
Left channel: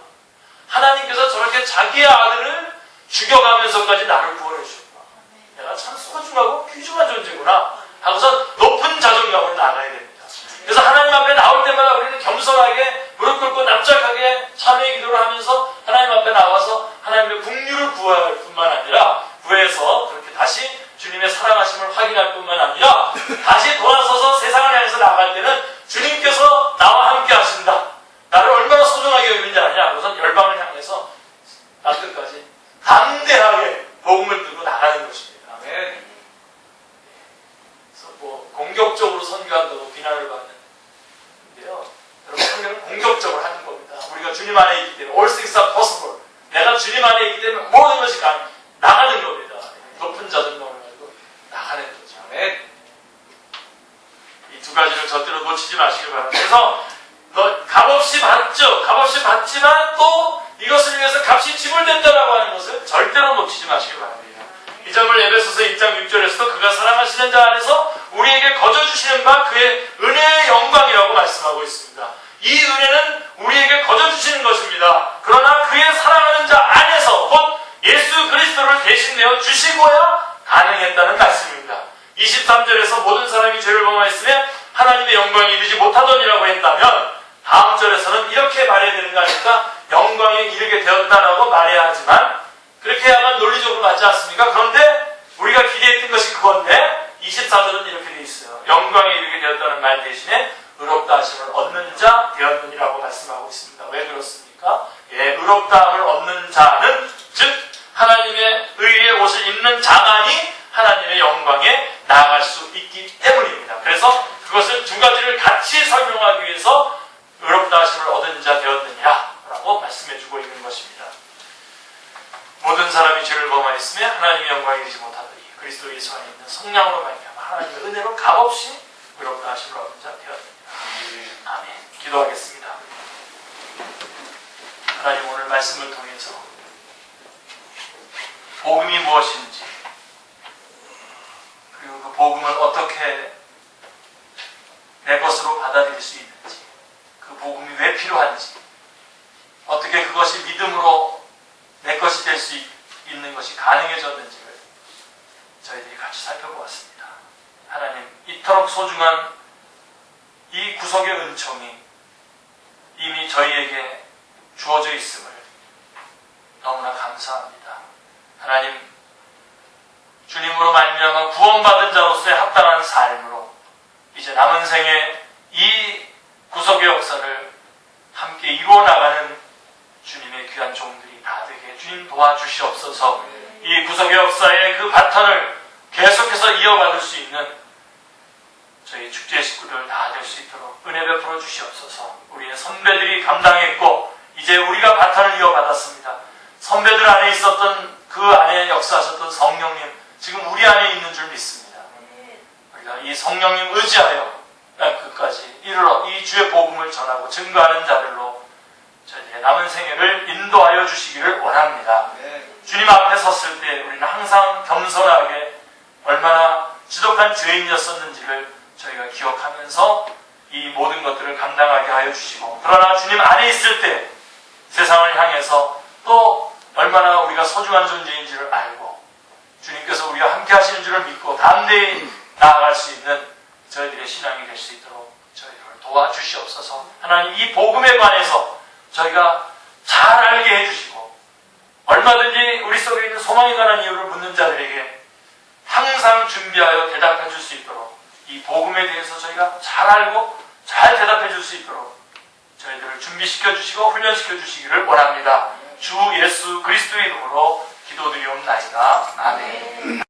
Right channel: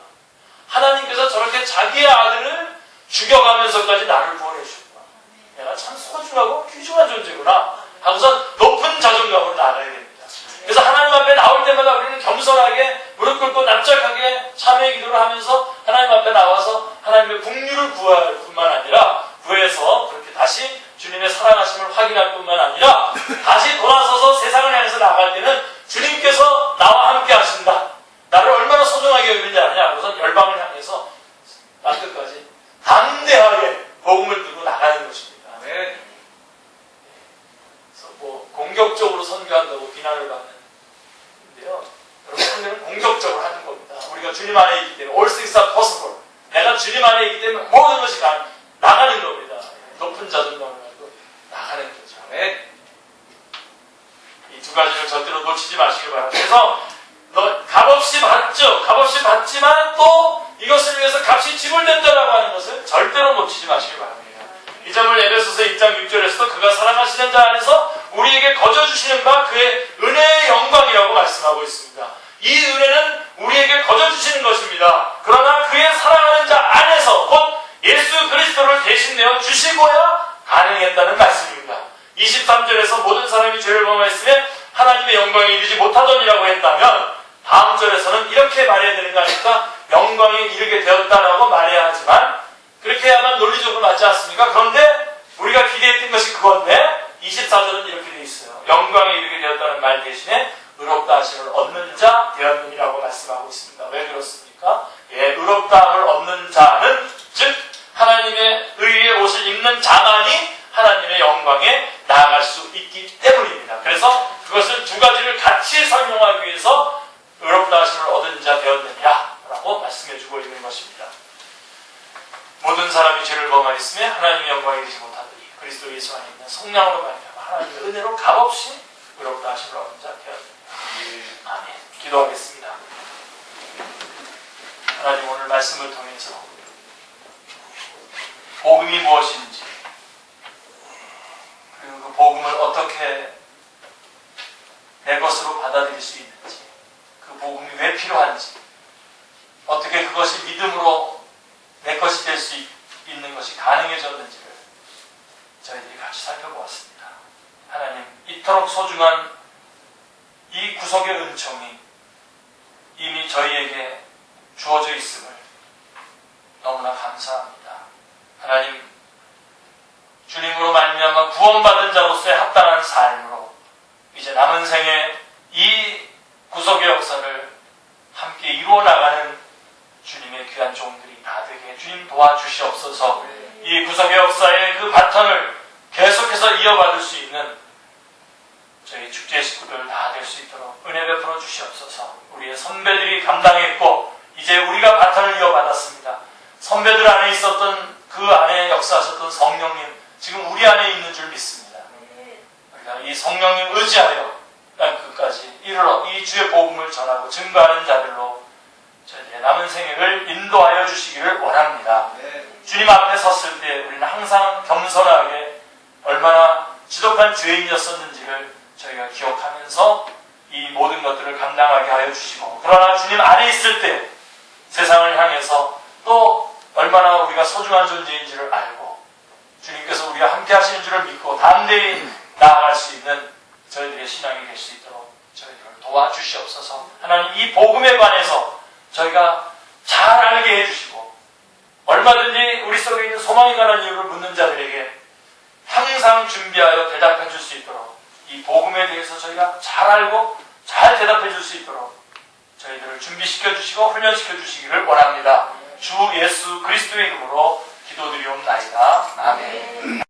하나님께서 저렇게 자기의 아들을 죽여가면서까지 나를 구원해 주셨구나. 내가 참 소중하고 귀중한 존재구나 하고서 높은 자존감으로 나가야 됩니다. 그래서 하나님 앞에 나올 때마다 우리는 겸손하게 무릎 꿇고 납작하게 참회의 기도를 하면서 하나님 앞에 나와서 하나님의 긍휼을 구할 뿐만 아니라 구해서 그렇게 다시 주님의 사랑하심을 확인할 뿐만 아니라 다시 돌아서서 세상을 향해서 나갈 때는 주님께서 나와 함께 하신다. 나를 얼마나 소중하게 여기는지 아냐. 그래서 열방을 향해서 복음을 들고 나가는 것입니다. 아멘. 그래서 뭐 공격적으로 선교한다고 비난을 받는데요. 여러분, 선교는 공격적으로 하는 겁니다. 우리가 주님 안에 있기 때문에 all things are possible. 내가 주님 안에 있기 때문에 모든 것이 나가는 겁니다. 높은 자들만 말고 나가는 거죠. 아멘. 이 두 가지를 절대로 놓치지 마시기 바랍니다. 그래서 값없이 받죠. 값없이 받지만 또 이것을 위해서 값이 지불된다라고 하는 것을 절대로 놓치지 마시기 바랍니다. 이 점을 에베소서 1장 6절에서도 그가 사랑하시는 자 안에서 우리에게 거저주시는 바 그의 은혜의 영광이라고 말씀하고 있습니다. 이 은혜는 우리에게 거저주시는 것입니다. 그러나 그의 사랑하는 자 안에서 곧 예수 그리스도를 대신 내어 주시고야 가능했다는 말씀입니다. 23절에서 모든 사람이 죄를 범하였으며 하나님의 영광에 이르지 못하더니라고 했다면 다음 절에서는 이렇게 말해야 되는 거 아닙니까? 영광에 이르게 되었다라고 말해야 하지만 그렇게 해야만 논리적으로 맞지 않습니까? 그런데 우리가 기대했던 것이 그건데 24절은 이렇게 되어 있어요. 영광에 이르게 되었다는 말 대신에 의롭다 하심을 얻는 자 되었느니라고 말씀하고 있습니다. 왜 그렇습니까? 의롭다함을 얻는 자는 즉 하나님의 의의 옷을 입는 자만이 하나님의 영광에 나아갈 수 있기 때문입니다. 그래서 그것을 두 가지를 같이 설명하기 위해서 의롭다 하심을 얻은 자 되었느냐라고 말씀해주고 있는 것입니다. 모든 사람이 죄를 범하였으며 하나님의 영광에 이르지 못하더니 그리스도 예수 안에 있는 성령으로 말미암아 하나님의 은혜로 값없이 의롭다 하심을 얻은 자 되었느냐. 아멘. 기도하겠습니다. 하나님, 오늘 말씀을 통해서 복음이 무엇인지 그리고 그 복음을 어떻게 내 것으로 받아들일 수 있는지, 그 복음이 왜 필요한지, 어떻게 그것이 믿음으로 내 것이 될 수 있는 것이 가능해졌는지를 저희들이 같이 살펴보았습니다. 하나님, 이토록 소중한 이 구속의 은총이 이미 저희에게 주어져 있음을 너무나 감사합니다. 하나님, 주님으로 말미암아 구원받은 자로서의 합당한 삶으로 이제 남은 생에 이 구속의 역사를 함께 이루어 나가는 주님의 귀한 종들이 다 되게 주님 도와주시옵소서. 이 구속의 역사의 그 바턴을 계속해서 이어받을 수 있는 저희 축제 식구들 다 될 수 있도록 은혜 베풀어 주시옵소서. 우리의 선배들이 감당했고 이제 우리가 바턴을 이어받았습니다. 선배들 안에 있었던 그 안에 역사하셨던 성령님 지금 우리 안에 있는 줄 믿습니다. 우리가 이 성령님 의지하여 끝까지 이르러 이 주의 복음을 전하고 증거하는 자들로 저희들의 남은 생애를 인도하여 주시기를 원합니다. 주님 앞에 섰을 때 우리는 항상 겸손하게 얼마나 지독한 죄인이었었는지를 저희가 기억하면서 이 모든 것들을 감당하게 하여 주시고, 그러나 주님 안에 있을 때 세상을 향해서 또 얼마나 우리가 소중한 존재인지를 알고 주님께서 우리가 함께 하시는 줄을 믿고 담대히 나아갈 수 있는 저희들의 신앙이 될 수 있도록 저희들을 도와주시옵소서. 하나님, 이 복음에 관해서 저희가 잘 알게 해주시고 얼마든지 우리 속에 있는 소망이 가는 이유를 묻는 자들에게 항상 준비하여 대답해 줄 수 있도록 이 복음에 대해서 저희가 잘 알고 잘 대답해 줄 수 있도록 저희들을 준비시켜 주시고 훈련시켜 주시기를 원합니다. 주 예수 그리스도의 이름으로 기도드리옵나이다. 아멘.